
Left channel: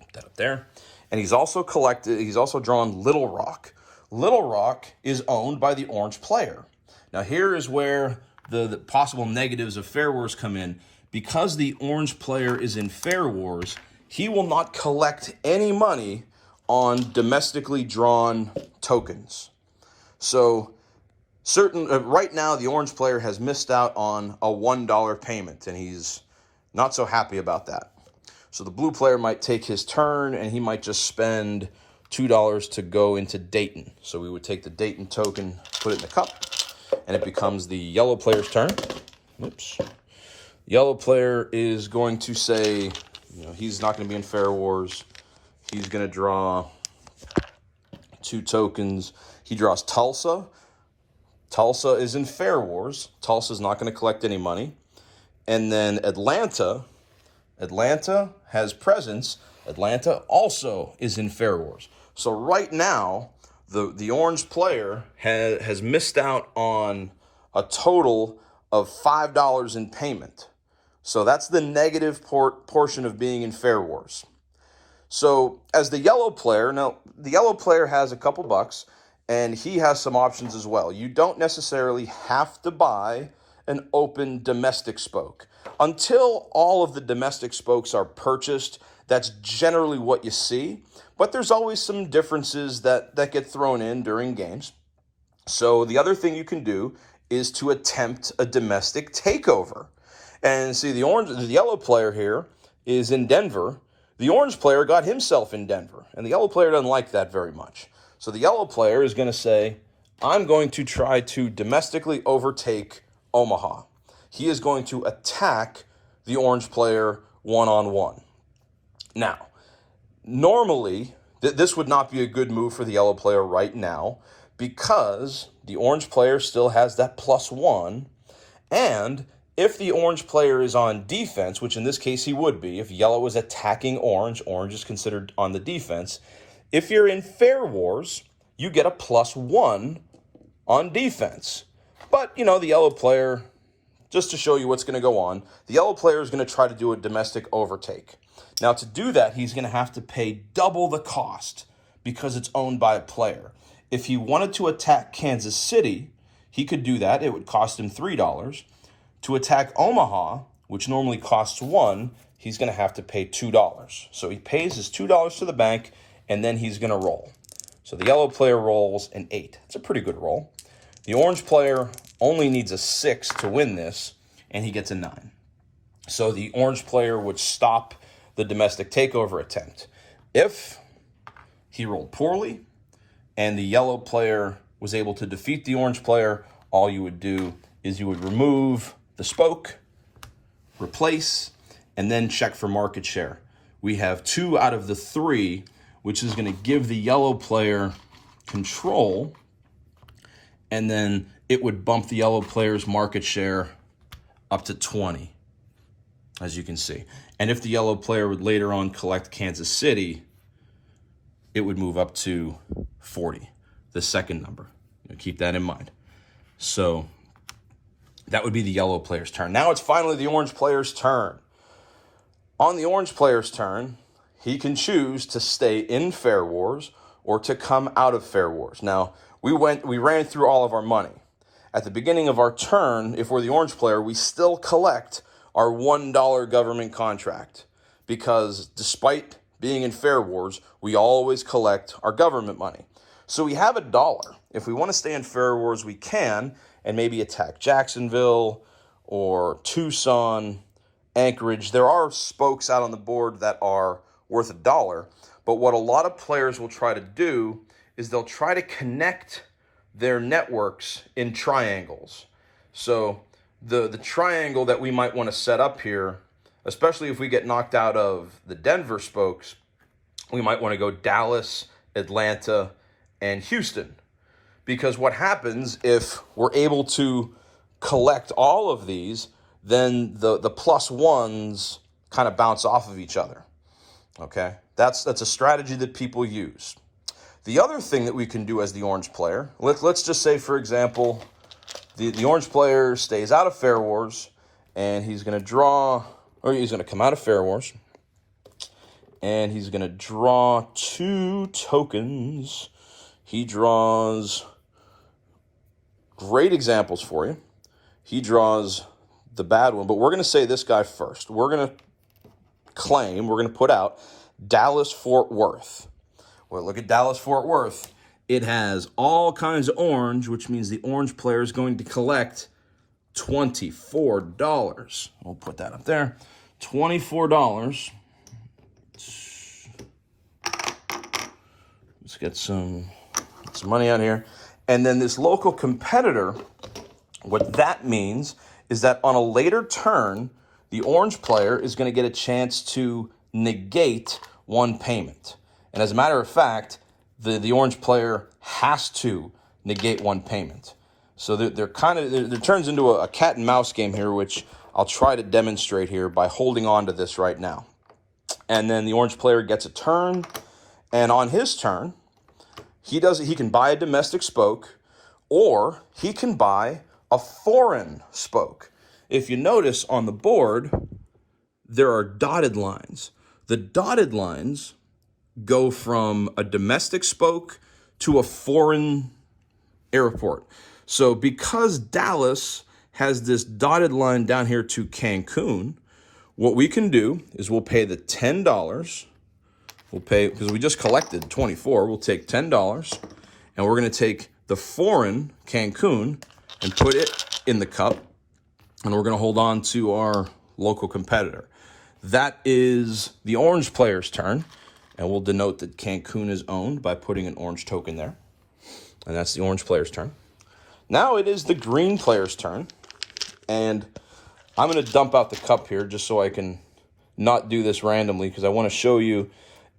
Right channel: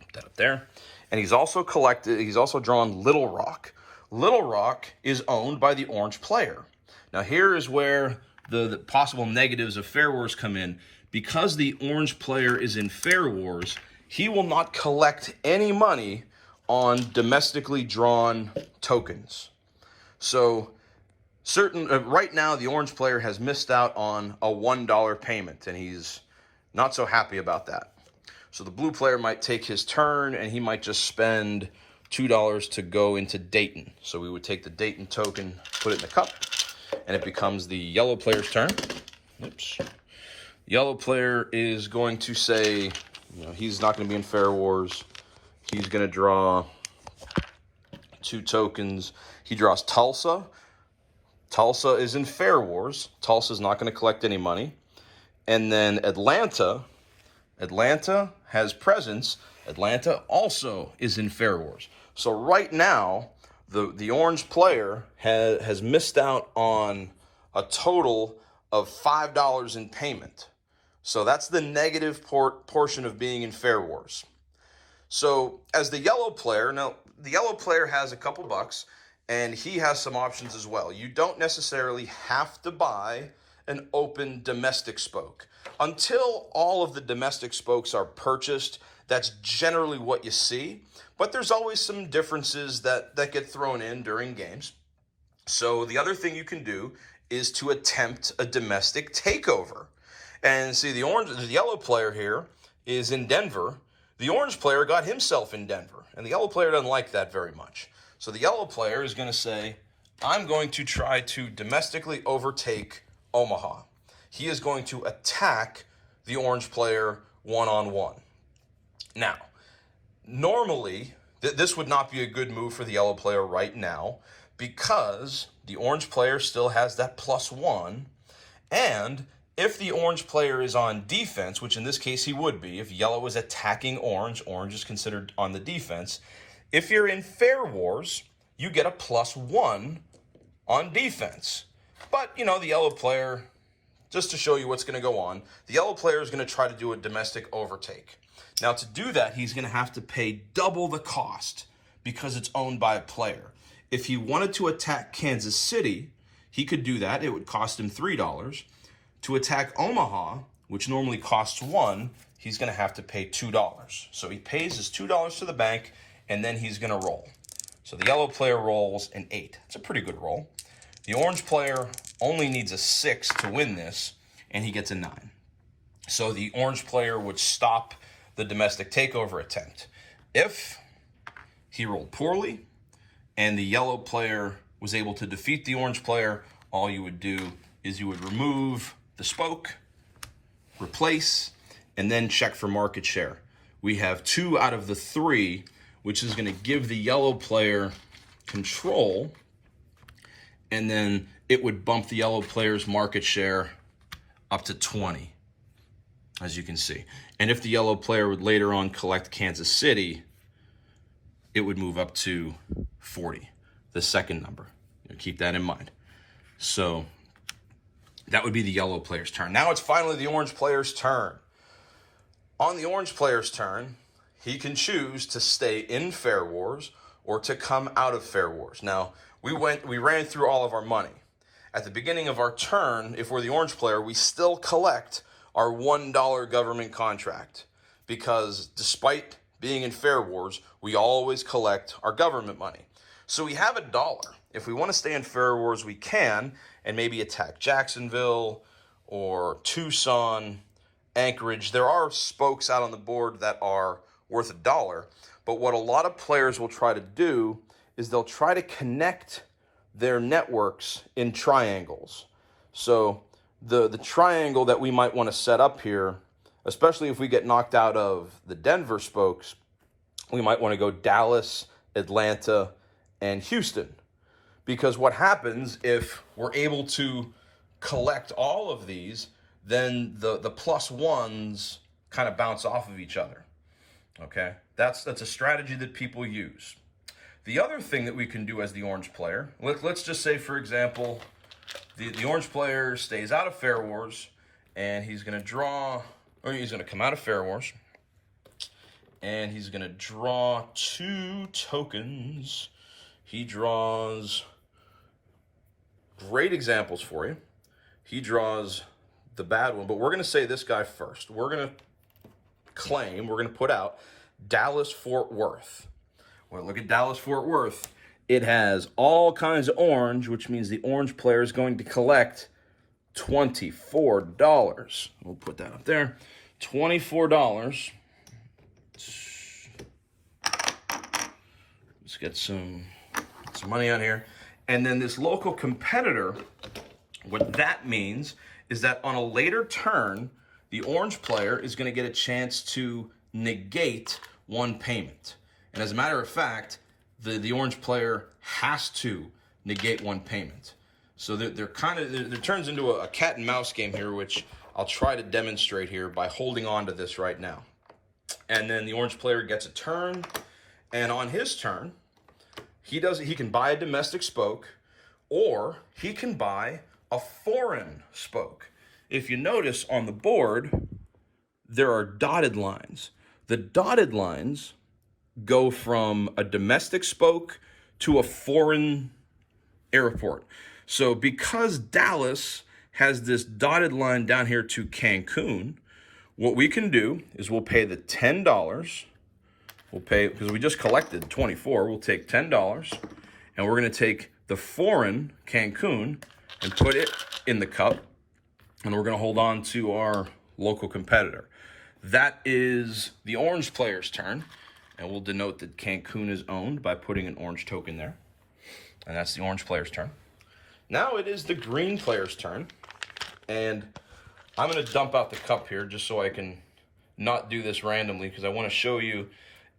Put that up there. And he's also drawn Little Rock. Little Rock is owned by the orange player. Now here is where the possible negatives of Fair Wars come in. Because the orange player is in Fair Wars, he will not collect any money on domestically drawn tokens. So right now, the orange player has missed out on a $1 payment, and he's not so happy about that. So the blue player might take his turn, and he might just spend $2 to go into Dayton. So we would take the Dayton token, put it in the cup, and it becomes the yellow player's turn. Oops. Yellow player is going to say, he's not going to be in Fair Wars. He's going to draw 2 tokens. He draws Tulsa. Tulsa is in Fair Wars. Tulsa's not going to collect any money. And then Atlanta has presence, Atlanta also is in Fair Wars. So right now, the orange player has missed out on a total of $5 in payment. So that's the negative portion of being in Fair Wars. So as the yellow player, now the yellow player has a couple bucks, and he has some options as well. You don't necessarily have to buy an open domestic spoke. Until all of the domestic spokes are purchased, that's generally what you see. But there's always some differences that get thrown in during games. So the other thing you can do is to attempt a domestic takeover. And see, the yellow player here is in Denver. The orange player got himself in Denver, and the yellow player doesn't like that very much. So the yellow player is going to say, I'm going to try to domestically overtake Omaha. He is going to attack the orange player one-on-one. Now, normally, this would not be a good move for the yellow player right now because the orange player still has that +1, and if the orange player is on defense, which in this case he would be, if yellow is attacking orange, orange is considered on the defense. If you're in Fair Wars, you get a +1 on defense. But, the yellow player, just to show you what's going to go on, the yellow player is going to try to do a domestic overtake. Now, to do that, he's going to have to pay double the cost because it's owned by a player. If he wanted to attack Kansas City, he could do that. It would cost him $3. To attack Omaha, which normally costs $1, he's going to have to pay $2. So he pays his $2 to the bank, and then he's going to roll. So the yellow player rolls an 8. It's a pretty good roll. The orange player only needs a 6 to win this, and he gets a 9. So the orange player would stop the domestic takeover attempt. If he rolled poorly and the yellow player was able to defeat the orange player, all you would do is you would remove the spoke, replace, and then check for market share. We have 2 out of the 3, which is going to give the yellow player control, and then it would bump the yellow player's market share up to 20, as you can see. And if the yellow player would later on collect Kansas City, it would move up to 40, the second number. Keep that in mind. So that would be the yellow player's turn. Now it's finally the orange player's turn. On the orange player's turn, he can choose to stay in Fair Wars or to come out of Fair Wars. Now, we ran through all of our money. At the beginning of our turn, if we're the orange player, we still collect our $1 government contract because despite being in Fair Wars, we always collect our government money. So we have $1. If we want to stay in Fair Wars, we can, and maybe attack Jacksonville or Tucson, Anchorage. There are spokes out on the board that are worth $1, but what a lot of players will try to do is they'll try to connect their networks in triangles. So the triangle that we might want to set up here, especially if we get knocked out of the Denver spokes, we might want to go Dallas, Atlanta, and Houston. Because what happens if we're able to collect all of these, then the +1s kind of bounce off of each other. Okay? That's a strategy that people use. The other thing that we can do as the orange player, let's just say, for example, the orange player stays out of Fair Wars, and he's going to come out of Fair Wars, and he's going to draw 2 tokens. He draws great examples for you. He draws the bad one, but we're going to say this guy first. We're going to put out Dallas-Fort Worth. Well, look at Dallas-Fort Worth. It has all kinds of orange, which means the orange player is going to collect $24. We'll put that up there. $24. Let's get some money on here. And then this local competitor, what that means is that on a later turn, the orange player is going to get a chance to negate one payment. And as a matter of fact, the orange player has to negate one payment. So there turns into a cat and mouse game here, which I'll try to demonstrate here by holding on to this right now. And then the orange player gets a turn. And on his turn, he can buy a domestic spoke, or he can buy a foreign spoke. If you notice on the board, there are dotted lines. The dotted lines go from a domestic spoke to a foreign airport. So because Dallas has this dotted line down here to Cancun, what we can do is we'll pay the $10. We'll pay, because we just collected 24, we'll take $10, and we're going to take the foreign Cancun and put it in the cup, and we're going to hold on to our local competitor. That is the orange player's turn, and we'll denote that Cancun is owned by putting an orange token there, and that's the orange player's turn. Now it is the green player's turn, and I'm going to dump out the cup here just so I can not do this randomly, because I want to show you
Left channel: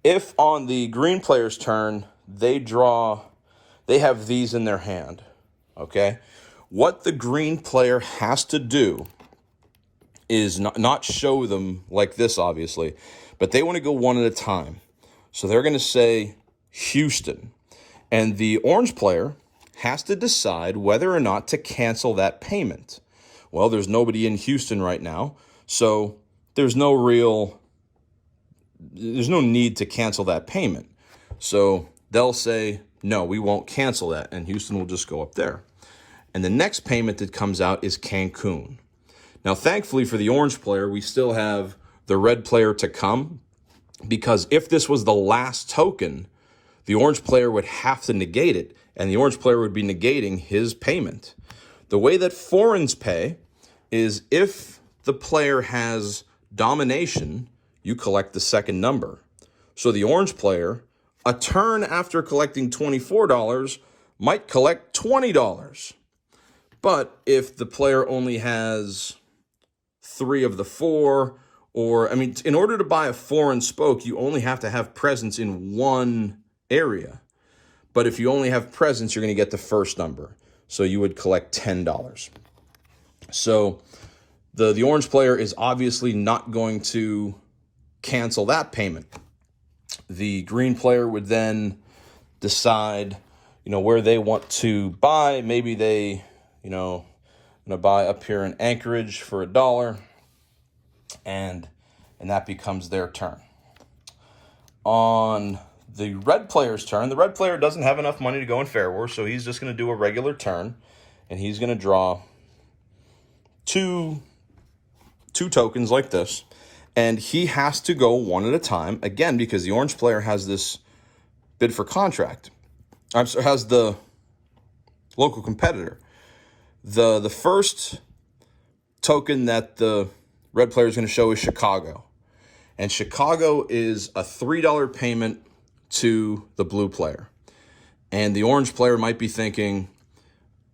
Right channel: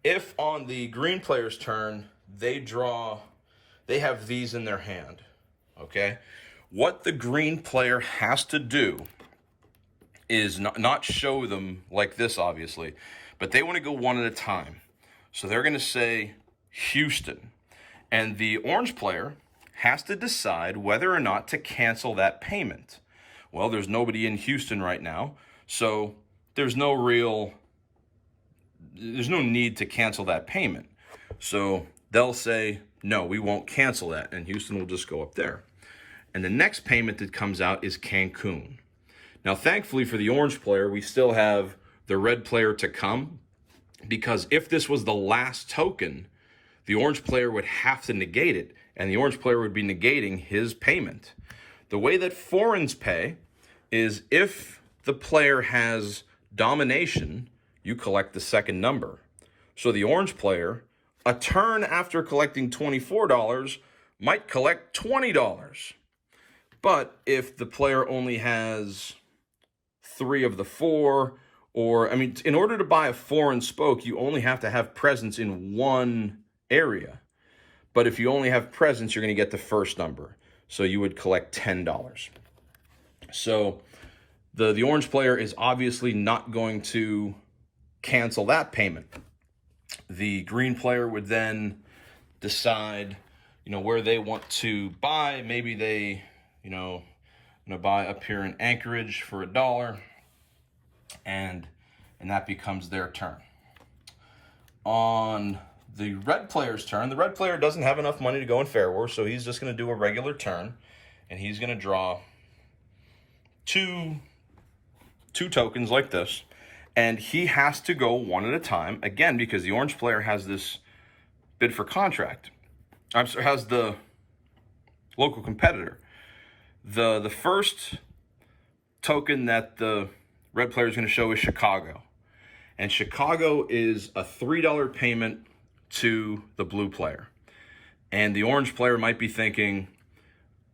if on the green player's turn they have these in their hand, okay? What the green player has to do is not show them like this, obviously, but they want to go one at a time. So they're going to say Houston, and the orange player has to decide whether or not to cancel that payment. Well, there's nobody in Houston right now, so there's no need to cancel that payment. So they'll say, no, we won't cancel that, and Houston will just go up there. And the next payment that comes out is Cancun. Now, thankfully for the orange player, we still have the red player to come, because if this was the last token, the orange player would have to negate it, and the orange player would be negating his payment. The way that foreigners pay is if the player has domination, you collect the second number. So the orange player, a turn after collecting $24, might collect $20. But if the player only has 3 of the 4, or, I mean, in order to buy a foreign spoke, you only have to have presence in one area. But if you only have presence, you're going to get the first number. So you would collect $10. So the orange player is obviously not going to cancel that payment. The green player would then decide, where they want to buy. Maybe they, going to buy up here in Anchorage for $1, and that becomes their turn. On the red player's turn, the red player doesn't have enough money to go in Fair War, so he's just going to do a regular turn, and he's going to draw two tokens like this, and he has to go one at a time, again, because the orange player has this bid for contract. Has the local competitor. The first token that the red player is going to show is Chicago. And Chicago is a $3 payment to the blue player. And the orange player might be thinking,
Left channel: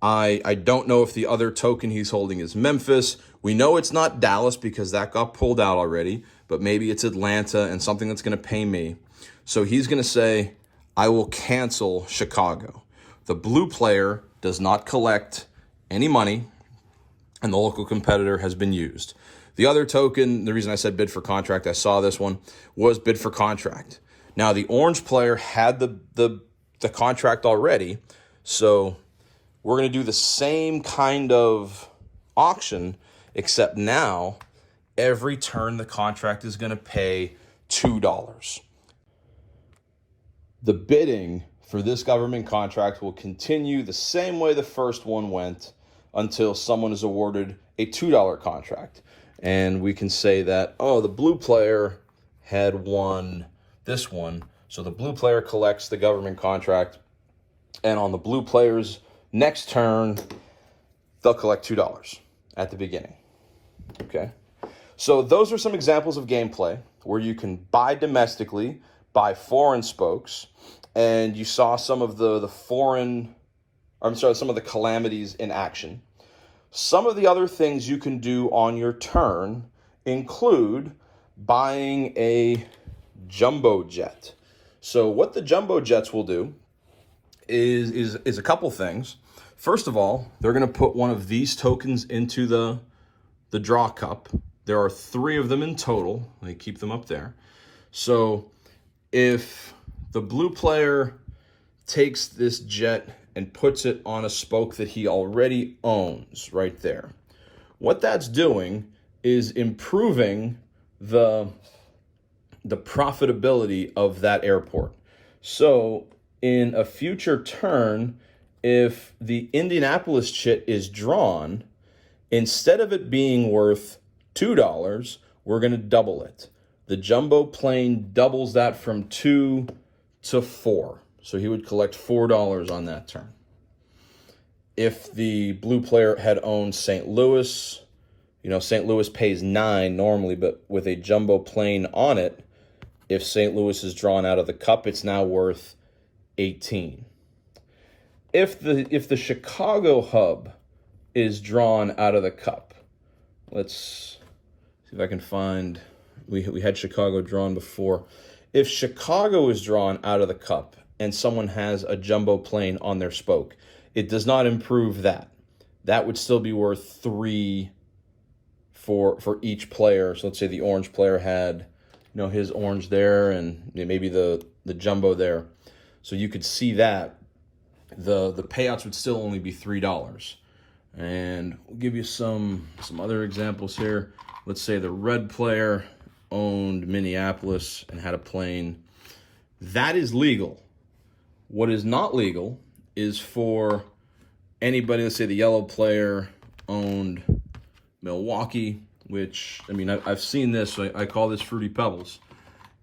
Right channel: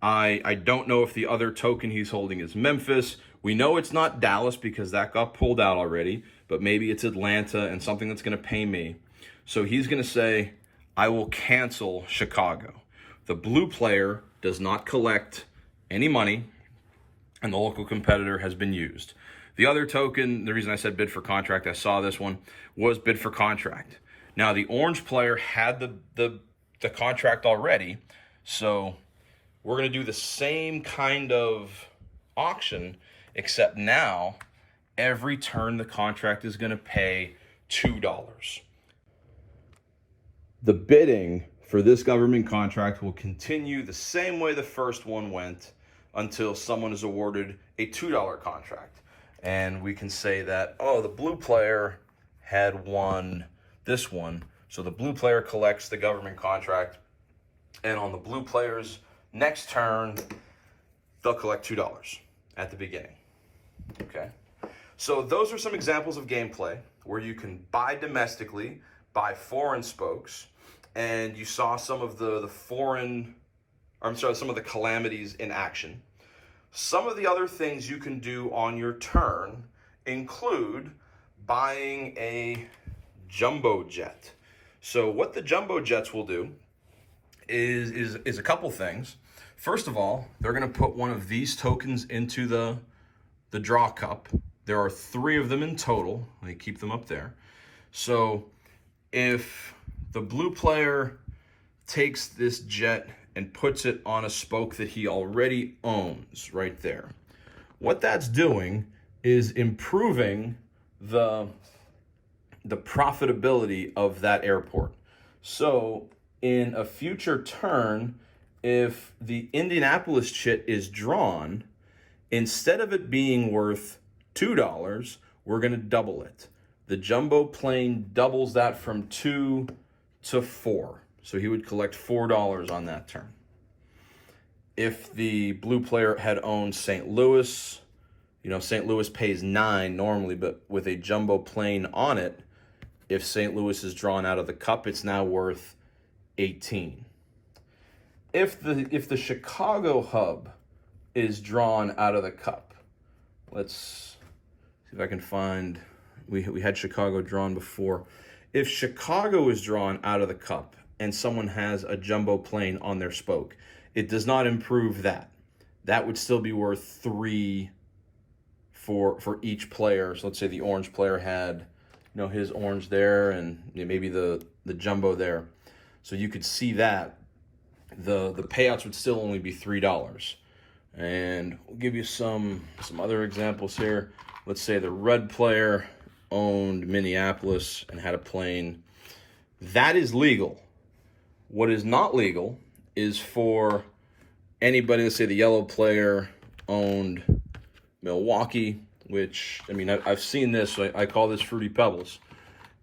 I don't know if the other token he's holding is Memphis. We know it's not Dallas because that got pulled out already, but maybe it's Atlanta and something that's going to pay me. So he's going to say, I will cancel Chicago. The blue player does not collect any money, and the local competitor has been used. The other token, the reason I said bid for contract, I saw this one, was bid for contract. Now, the orange player had the contract already, so we're going to do the same kind of auction, except now every turn the contract is going to pay $2. The bidding for this government contract will continue the same way the first one went until someone is awarded a $2 contract. And we can say that, the blue player had won this one, so the blue player collects the government contract, and on the blue player's next turn, they'll collect $2 at the beginning. Okay, so those are some examples of gameplay where you can buy domestically, buy foreign spokes, and you saw some of some of the calamities in action. Some of the other things you can do on your turn include buying a jumbo jet. So what the jumbo jets will do is a couple things. First of all, they're going to put one of these tokens into the draw cup. There are 3 of them in total. Let me keep them up there. So if the blue player takes this jet and puts it on a spoke that he already owns right there, what that's doing is improving the profitability of that airport. So in a future turn, if the Indianapolis chit is drawn, instead of it being worth $2, we're going to double it. The jumbo plane doubles that from 2 to 4. So he would collect $4 on that turn. If the blue player had owned St. Louis, St. Louis pays 9 normally, but with a jumbo plane on it, if St. Louis is drawn out of the cup, it's now worth 18. If the Chicago hub is drawn out of the cup, let's see if I can find, we had Chicago drawn before. If Chicago is drawn out of the cup and someone has a jumbo plane on their spoke, it does not improve that. That would still be worth 3 for each player. So let's say the orange player had, his orange there and maybe the jumbo there. So you could see that the payouts would still only be $3. And we'll give you some other examples here. Let's say the red player owned Minneapolis and had a plane. That is legal. What is not legal is for anybody, let's say the yellow player owned Milwaukee, which, I've seen this, so I call this Fruity Pebbles.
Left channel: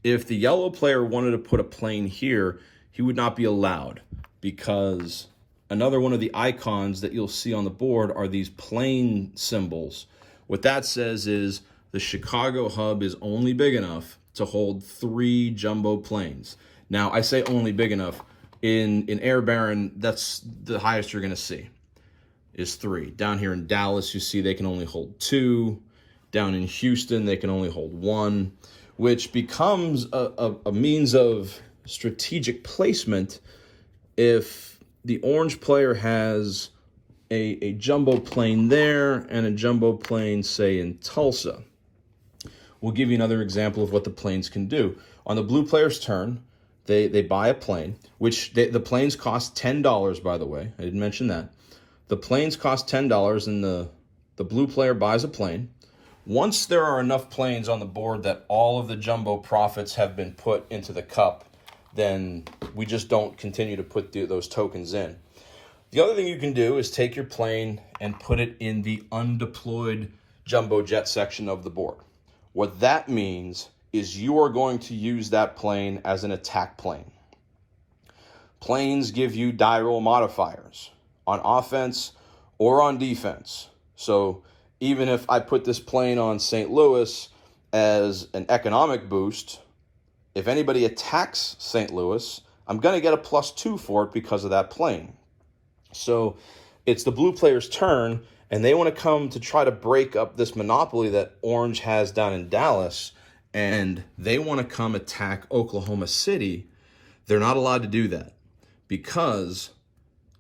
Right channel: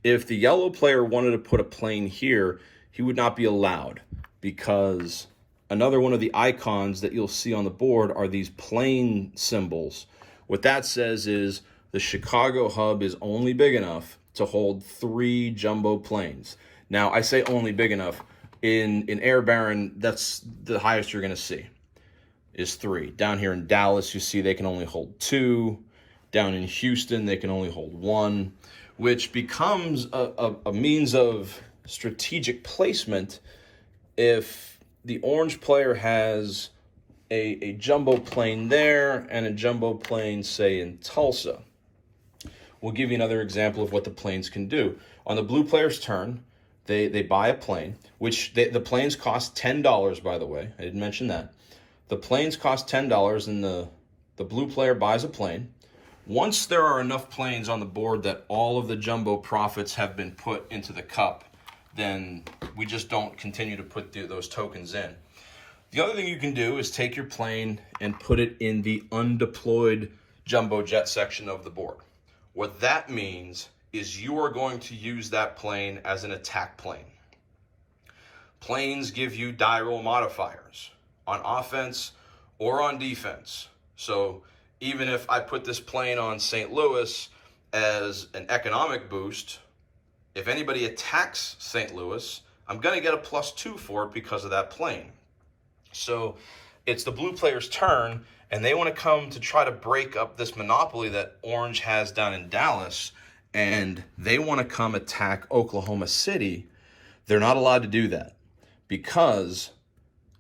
If the yellow player wanted to put a plane here, he would not be allowed, because another one of the icons that you'll see on the board are these plane symbols. What that says is the Chicago hub is only big enough to hold 3 jumbo planes. Now, I say only big enough. In Air Baron, that's the highest you're going to see, is 3. Down here in Dallas, you see they can only hold 2. Down in Houston, they can only hold 1, which becomes a means of strategic placement. If the orange player has a jumbo plane there and a jumbo plane, say, in Tulsa, we'll give you another example of what the planes can do. On the blue player's turn, they buy a plane, which the planes cost $10, by the way. I didn't mention that. The planes cost $10, and the blue player buys a plane. Once there are enough planes on the board that all of the jumbo profits have been put into the cup, then we just don't continue to put those tokens in. The other thing you can do is take your plane and put it in the undeployed jumbo jet section of the board. What that means is you are going to use that plane as an attack plane. Planes give you die roll modifiers on offense or on defense. So even if I put this plane on St. Louis as an economic boost, if anybody attacks St. Louis, I'm going to get a +2 for it because of that plane. So it's the blue player's turn, and they want to come to try to break up this monopoly that orange has down in Dallas, and they want to come attack Oklahoma City. They're not allowed to do that because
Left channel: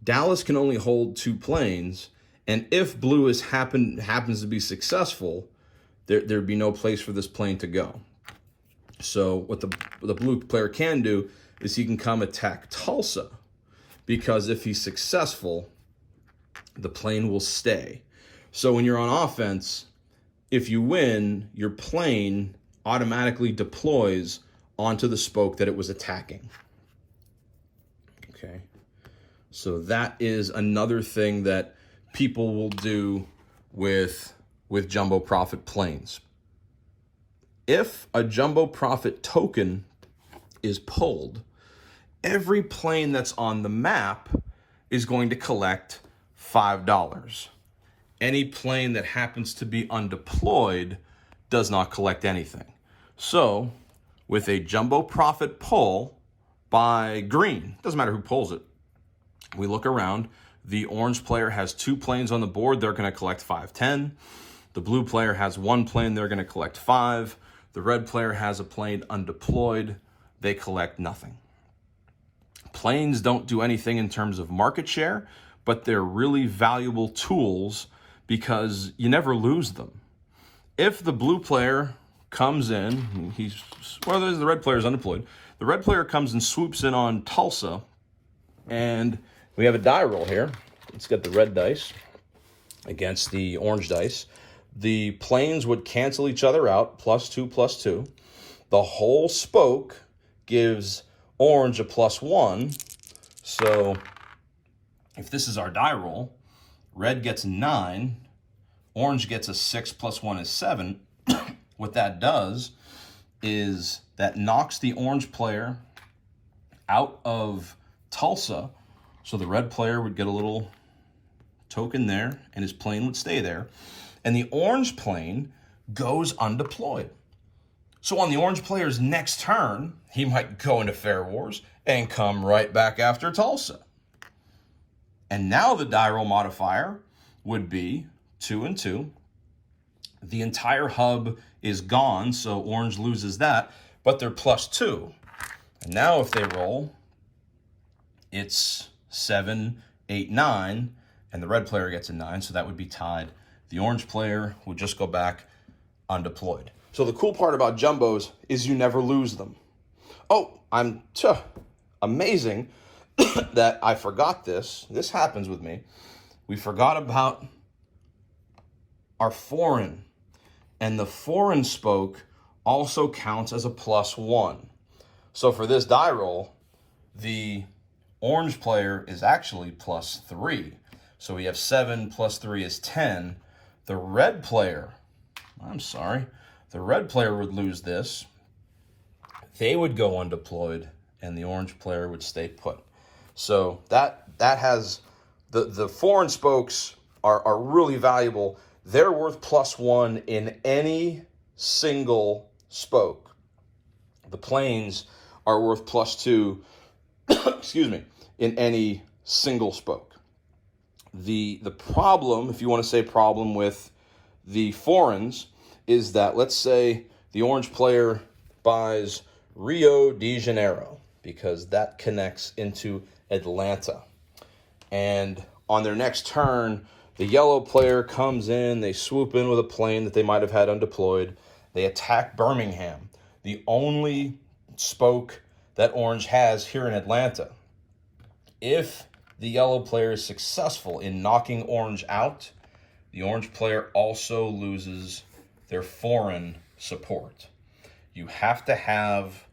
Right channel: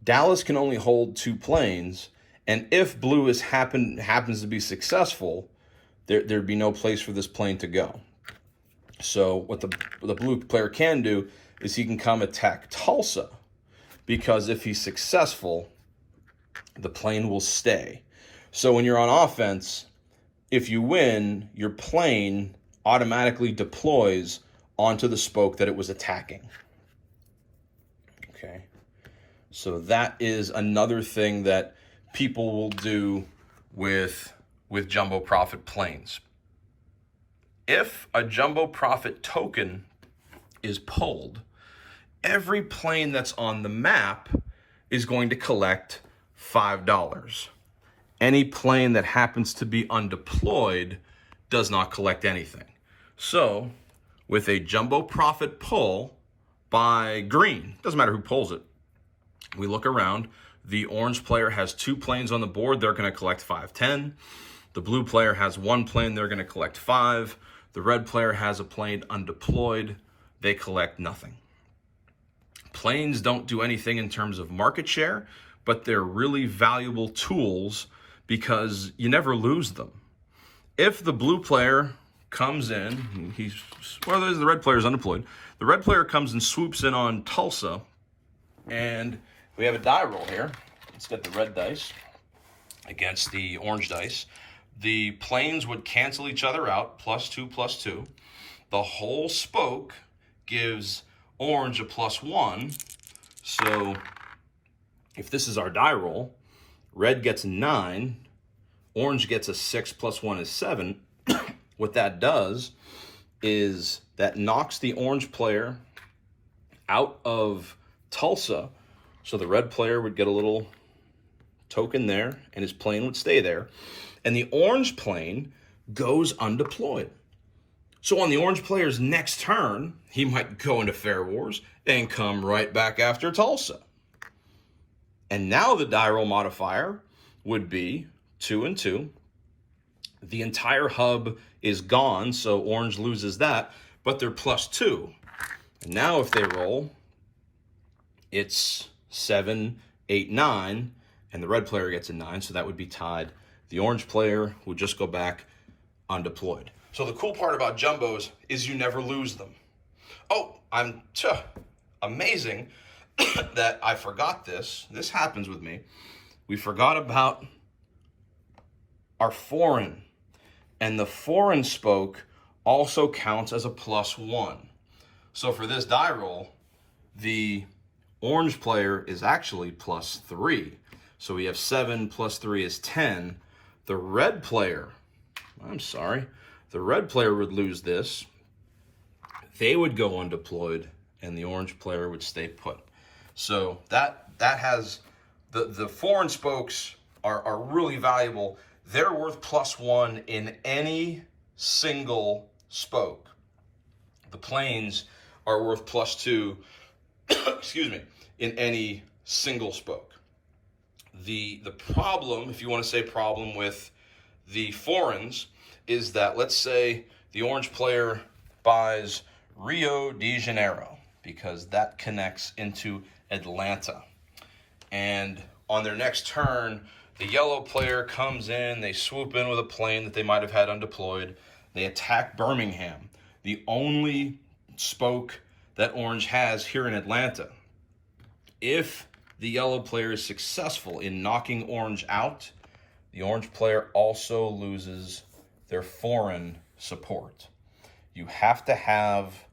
Dallas can only hold 2 planes, and if blue happens to be successful, there'd be no place for this plane to go. So what the blue player can do is he can come attack Tulsa, because if he's successful, the plane will stay. So when you're on offense, if you win, your plane automatically deploys onto the spoke that it was attacking. Okay, so that is another thing that people will do with jumbo profit planes. If a jumbo profit token is pulled, every plane that's on the map is going to collect $5. Any plane that happens to be undeployed does not collect anything. So with a jumbo profit pull by green, doesn't matter who pulls it, we look around, the orange player has 2 planes on the board, they're going to collect 5.10. The blue player has 1 plane, they're going to collect 5. The red player has a plane undeployed, they collect nothing. Planes don't do anything in terms of market share, but they're really valuable tools because you never lose them. If the blue player comes in. The red player is undeployed. The red player comes and swoops in on Tulsa, and we have a die roll here. Let's get the red dice against the orange dice. The planes would cancel each other out, +2, +2. The whole spoke gives orange a +1. So if this is our die roll, red gets a 9, orange gets a 6 + 1 is 7. What that does is that knocks the orange player out of Tulsa. So the red player would get a little token there, and his plane would stay there. And the orange plane goes undeployed. So on the orange player's next turn, he might go into Fair Wars and come right back after Tulsa. And now the die roll modifier would be 2 and 2. The entire hub is gone, so orange loses that, but they're +2. And now if they roll, it's 7, 8, 9, and the red player gets a 9, so that would be tied. The orange player would just go back undeployed. So the cool part about jumbos is you never lose them. Oh, amazing that I forgot this. This happens with me. We forgot about our foreign. And the foreign spoke also counts as a +1. So for this die roll, the orange player is actually +3. So we have 7 + 3 is 10. The red player would lose this. They would go undeployed, and the orange player would stay put. So that has, the foreign spokes are really valuable. They're worth +1 in any single spoke. The planes are worth +2, excuse me, in any single spoke. The problem, if you want to say problem with the foreigns, is that let's say the orange player buys Rio de Janeiro, because that connects into Atlanta. And on their next turn, the yellow player comes in, they swoop in with a plane that they might have had undeployed. They attack Birmingham, the only spoke that orange has here in Atlanta. If the yellow player is successful in knocking orange out, the orange player also loses their foreign support. You have to have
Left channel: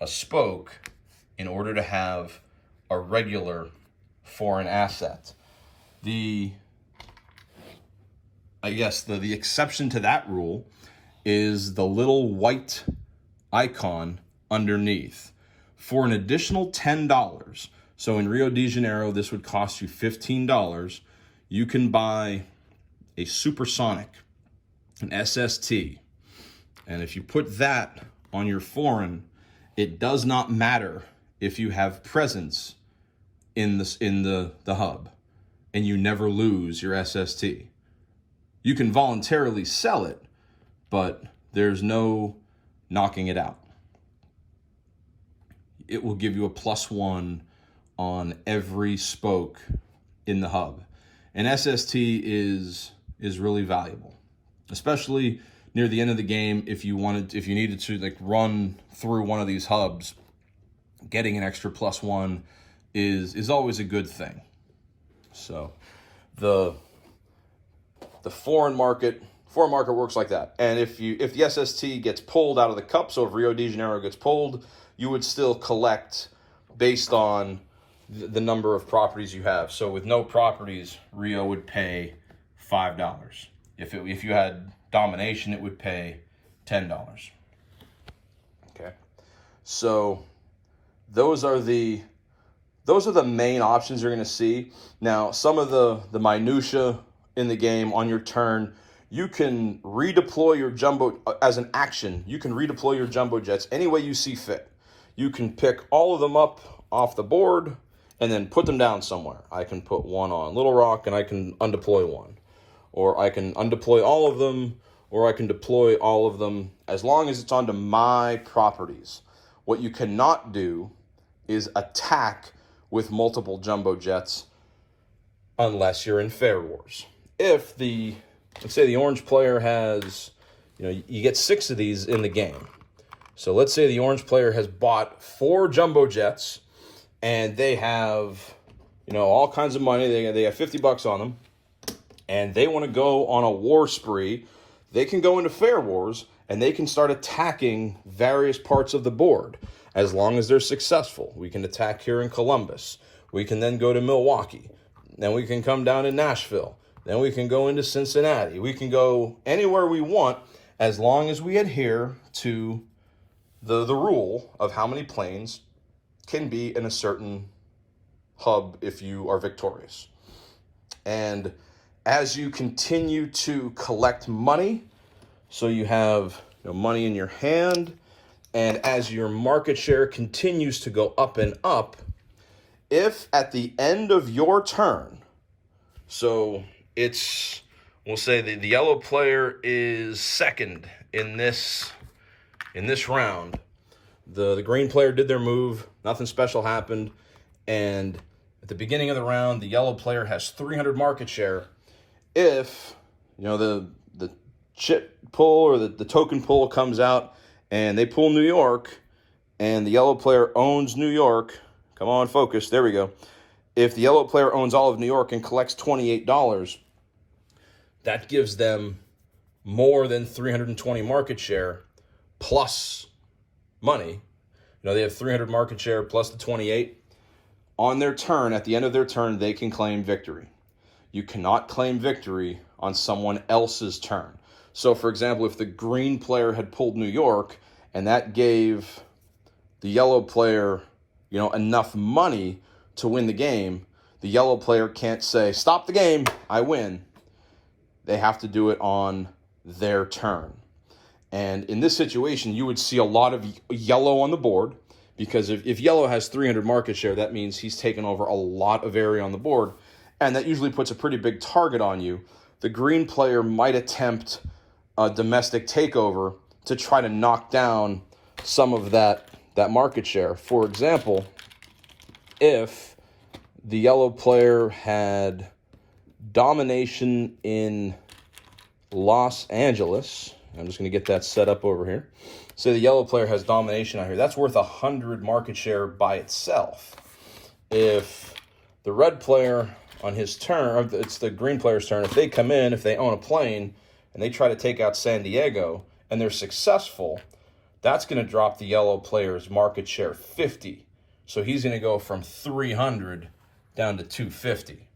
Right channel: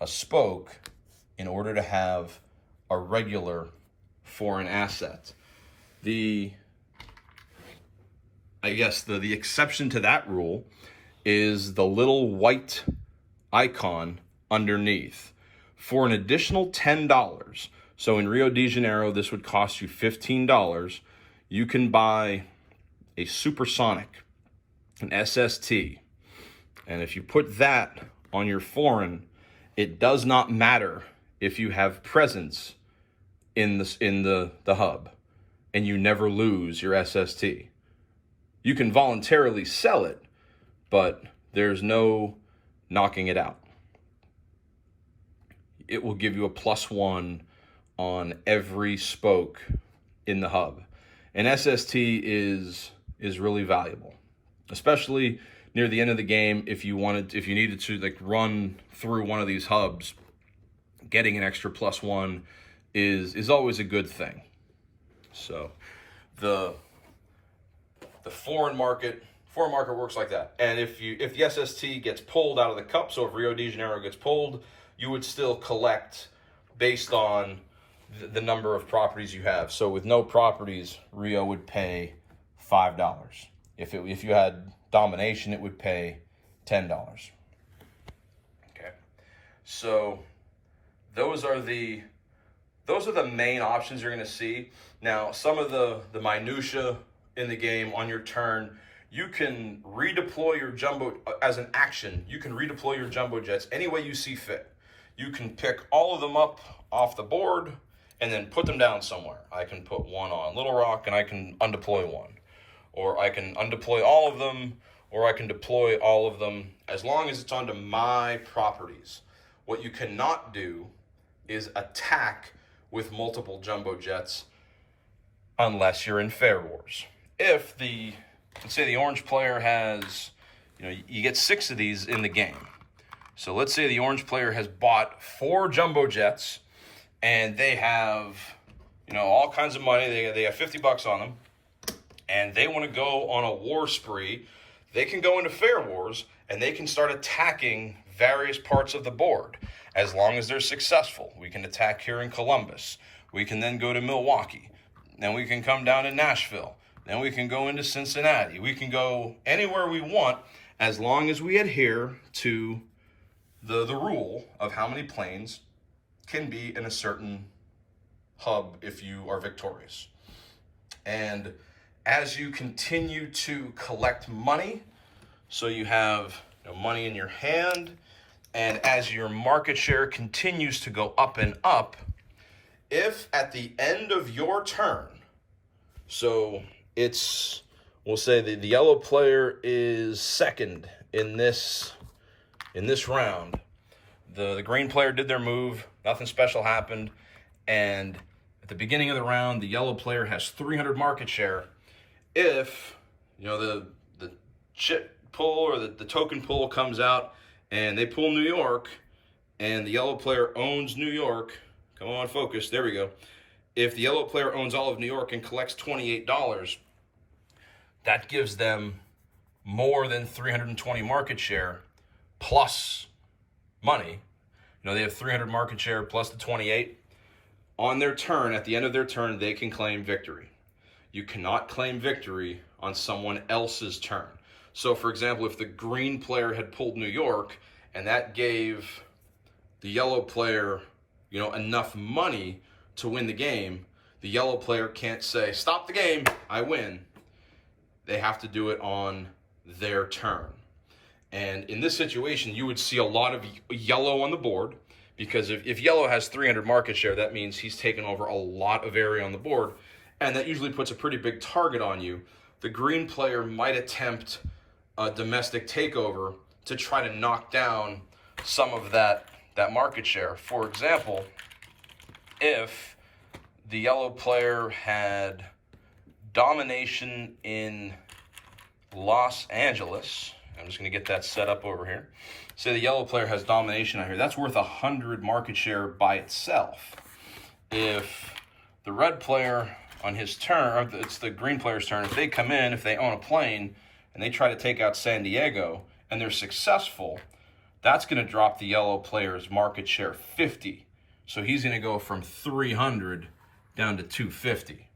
a spoke in order to have a regular foreign asset. The exception to that rule is the little white icon underneath. For an additional $10, so in Rio de Janeiro, this would cost you $15, you can buy a supersonic, an SST. And if you put that on your foreign, it does not matter if you have presence in the hub, and you never lose your SST. You can voluntarily sell it, but there's no knocking it out. It will give you a +1 on every spoke in the hub. An SST is really valuable, especially near the end of the game. If you needed to like run through one of these hubs, getting an extra +1 is always a good thing. So the foreign market works like that. And if the SST gets pulled out of the cup, so if Rio de Janeiro gets pulled, you would still collect based on the number of properties you have. So with no properties, Rio would pay $5. If you had domination, it would pay $10. Okay, so those are the main options you're going to see. Now, some of the minutia in the game on your turn, you can redeploy your jumbo as an action. You can redeploy your jumbo jets any way you see fit. You can pick all of them up off the board and then put them down somewhere. I can put one on Little Rock and I can undeploy one. Or I can undeploy all of them, or I can deploy all of them as long as it's onto my properties. What you cannot do is attack with multiple jumbo jets unless you're in Fair Wars. If let's say the orange player has, you get 6 of these in the game. So let's say the orange player has bought 4 jumbo jets, and they have, all kinds of money. They have $50 on them, and they want to go on a war spree. They can go into Fair Wars, and they can start attacking various parts of the board as long as they're successful. We can attack here in Columbus. We can then go to Milwaukee. Then we can come down to Nashville. Then we can go into Cincinnati. We can go anywhere we want as long as we adhere to the rule of how many planes can be in a certain hub if you are victorious. And as you continue to collect money, so you have money in your hand, and as your market share continues to go up and up, if at the end of your turn, so we'll say the yellow player is second in this round, the green player did their move, nothing special happened, and at the beginning of the round, the yellow player has 300 market share. If the chip pull or the token pull comes out and they pull New York, and the yellow player owns New York, come on, focus, there we go. If the yellow player owns all of New York and collects $28, that gives them more than 320 market share plus money. They have 300 market share plus the 28. On their turn, at the end of their turn, they can claim victory. You cannot claim victory on someone else's turn. So, for example, if the green player had pulled New York and that gave the yellow player, enough money to win the game, the yellow player can't say, stop the game, I win. They have to do it on their turn. And in this situation, you would see a lot of yellow on the board, because if yellow has 300 market share, that means he's taken over a lot of area on the board, and that usually puts a pretty big target on you. The green player might attempt a domestic takeover to try to knock down some of that market share. For example, if the yellow player had domination in Los Angeles, I'm just going to get that set up over here. Say the yellow player has domination out here. That's worth 100 market share by itself. If the red player on his turn, or it's the green player's turn, if they come in, if they own a plane, and they try to take out San Diego, and they're successful, that's going to drop the yellow player's market share 50. So he's going to go from 300 down to 250.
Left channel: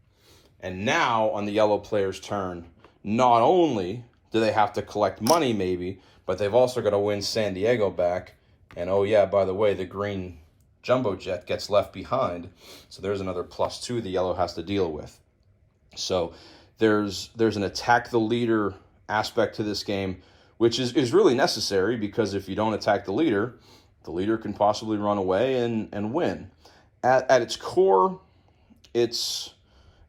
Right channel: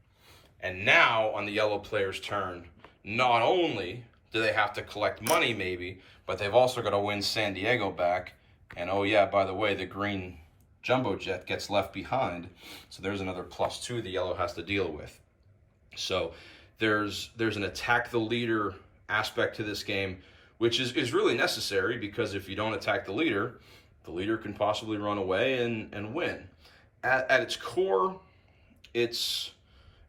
And now on the yellow player's turn, not only do they have to collect money maybe, but they've also got to win San Diego back. And oh yeah, by the way, the green jumbo jet gets left behind. So there's another +2 the yellow has to deal with. So there's an attack the leader aspect to this game, which is really necessary, because if you don't attack the leader can possibly run away and win. At its core, it's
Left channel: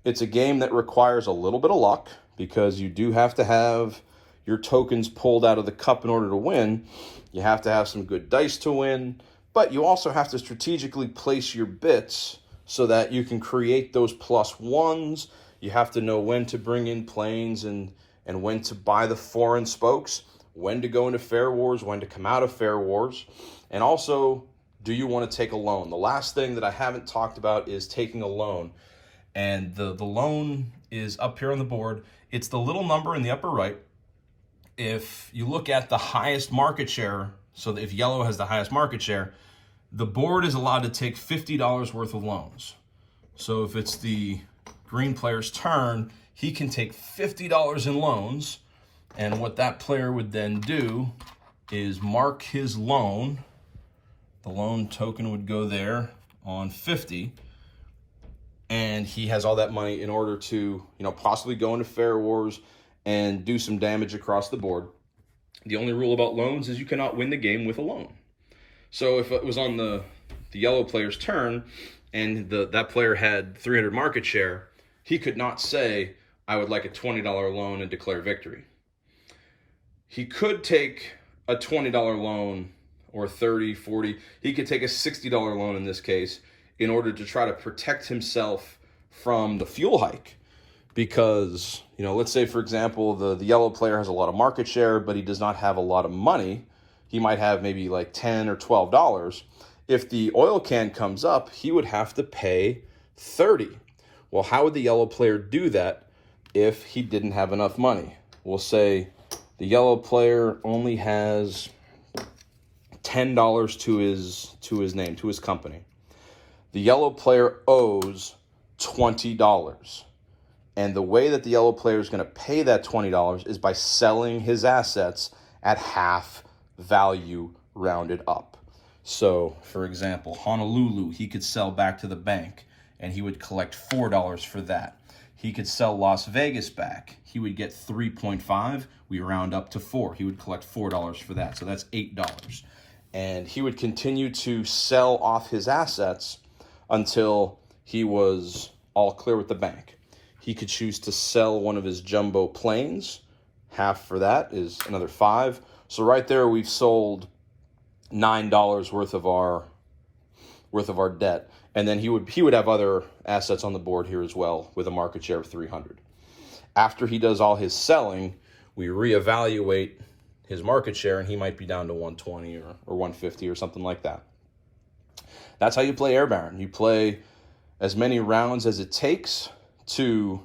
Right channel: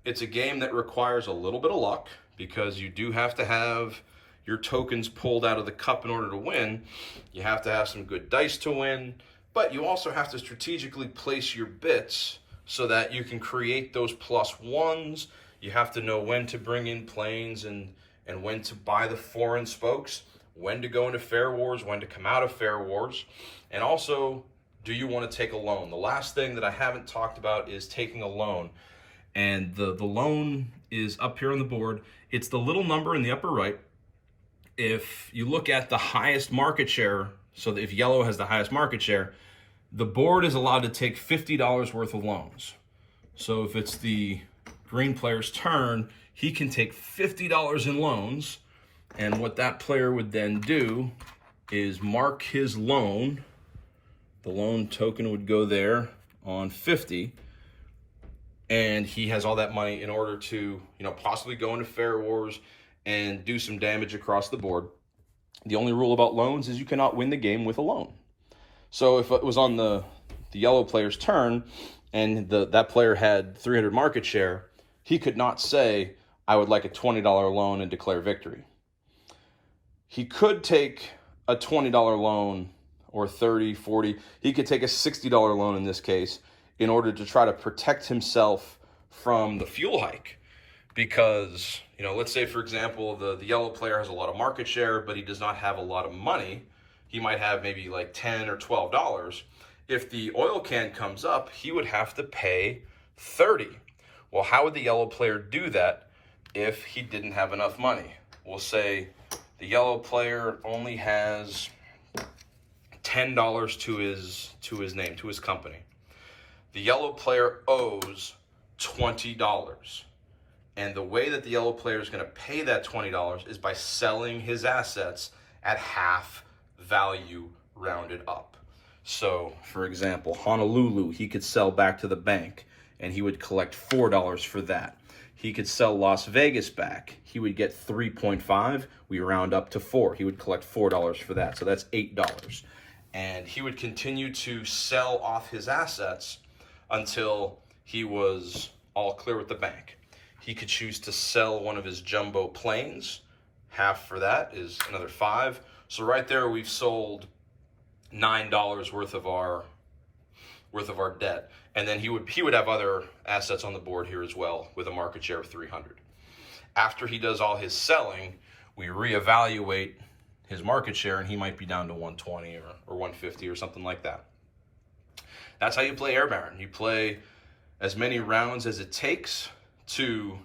a game that requires a little bit of luck, because you do have to have your tokens pulled out of the cup in order to win. You have to have some good dice to win, but you also have to strategically place your bits so that you can create those +1s. You have to know when to bring in planes and when to buy the foreign spokes, when to go into Fair Wars, when to come out of Fair Wars. And also, do you want to take a loan? The last thing that I haven't talked about is taking a loan. And the loan is up here on the board. It's the little number in the upper right. If you look at the highest market share, so if yellow has the highest market share, the board is allowed to take $50 worth of loans. So if it's the green player's turn, he can take $50 in loans. And what that player would then do is mark his loan. The loan token would go there on 50. And he has all that money in order to, possibly go into Fair Wars and do some damage across the board. The only rule about loans is you cannot win the game with a loan. So if it was on the yellow player's turn and that player had 300 market share, he could not say, I would like a $20 loan and declare victory. He could take a $20 loan or 30, 40. He could take a $60 loan in this case in order to try to protect himself from the fuel hike. because, you know, let's say, for example, the yellow player has a lot of market share, but he does not have a lot of money. He might have maybe like $10 or $12. If the oil can comes up, he would have to pay $30. Well, how would the yellow player do that if he didn't have enough money? We'll say the yellow player only has $10 to his name, to his company. The yellow player owes $20. And the way that the yellow player is going to pay that $20 is by selling his assets at half value rounded up. So, for example, Honolulu, he could sell back to the bank and he would collect $4 for that. He could sell Las Vegas back. He would get 3.5. We round up to 4. He would collect $4 for that. So that's $8. And he would continue to sell off his assets until he was all clear with the bank. He could choose to sell one of his jumbo planes. Half for that is another 5. So right there, we've sold $9 worth of our debt. And then he would have other assets on the board here as well with a market share of 300. After he does all his selling, we reevaluate his market share, and he might be down to 120 or 150 or something like that. That's how you play Air Baron. You play as many rounds as it takes to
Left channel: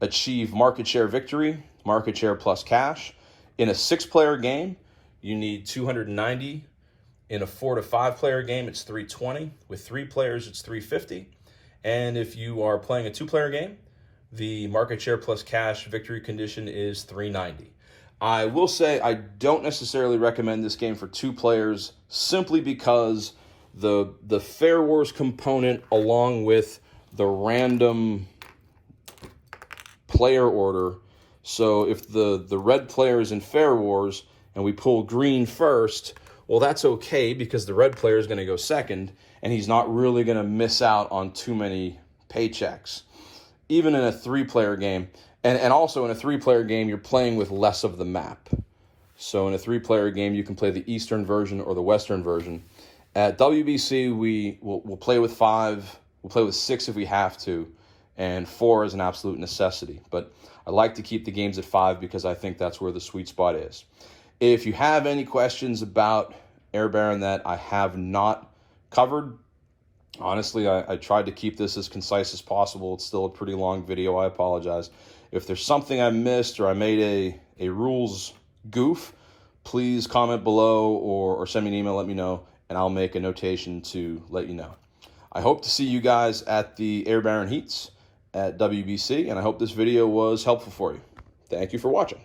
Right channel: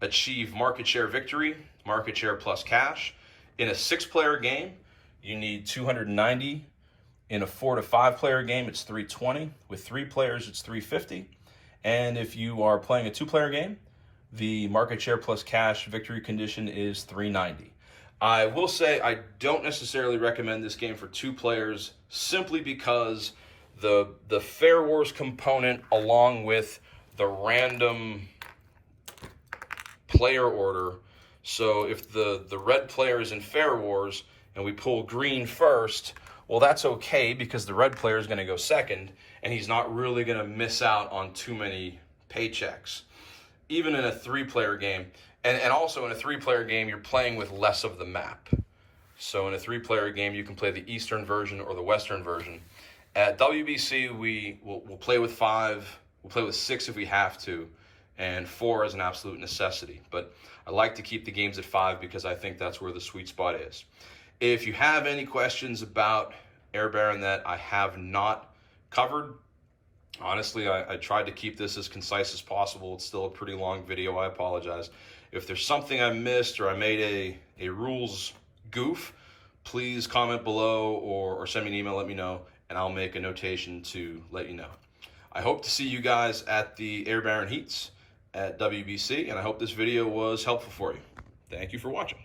achieve market share victory, market share plus cash. In a 6-player game, you need 290. In a 4 to 5 player game, it's 320. With 3 players, it's 350. And if you are playing a 2-player game, the market share plus cash victory condition is 390. I will say I don't necessarily recommend this game for 2 players simply because the Fair Wars component, along with the random player order. So if the red player is in Fair Wars and we pull green first, well, that's okay because the red player is going to go second and he's not really going to miss out on too many paychecks. Even in a 3-player game, and also in a 3-player game, you're playing with less of the map. So in a 3-player game, you can play the Eastern version or the Western version. At WBC, we'll play with 5, we'll play with 6 if we have to, and 4 is an absolute necessity. But I like to keep the games at 5 because I think that's where the sweet spot is. If you have any questions about Air Baron that I have not covered, honestly, I tried to keep this as concise as possible. It's still a pretty long video. I apologize. If there's something I missed or I made a rules goof, please comment below or send me an email, let me know, and I'll make a notation to let you know. I hope to see you guys at the Air Baron Heats at WBC, and I hope this video was helpful for you. Thank you for watching.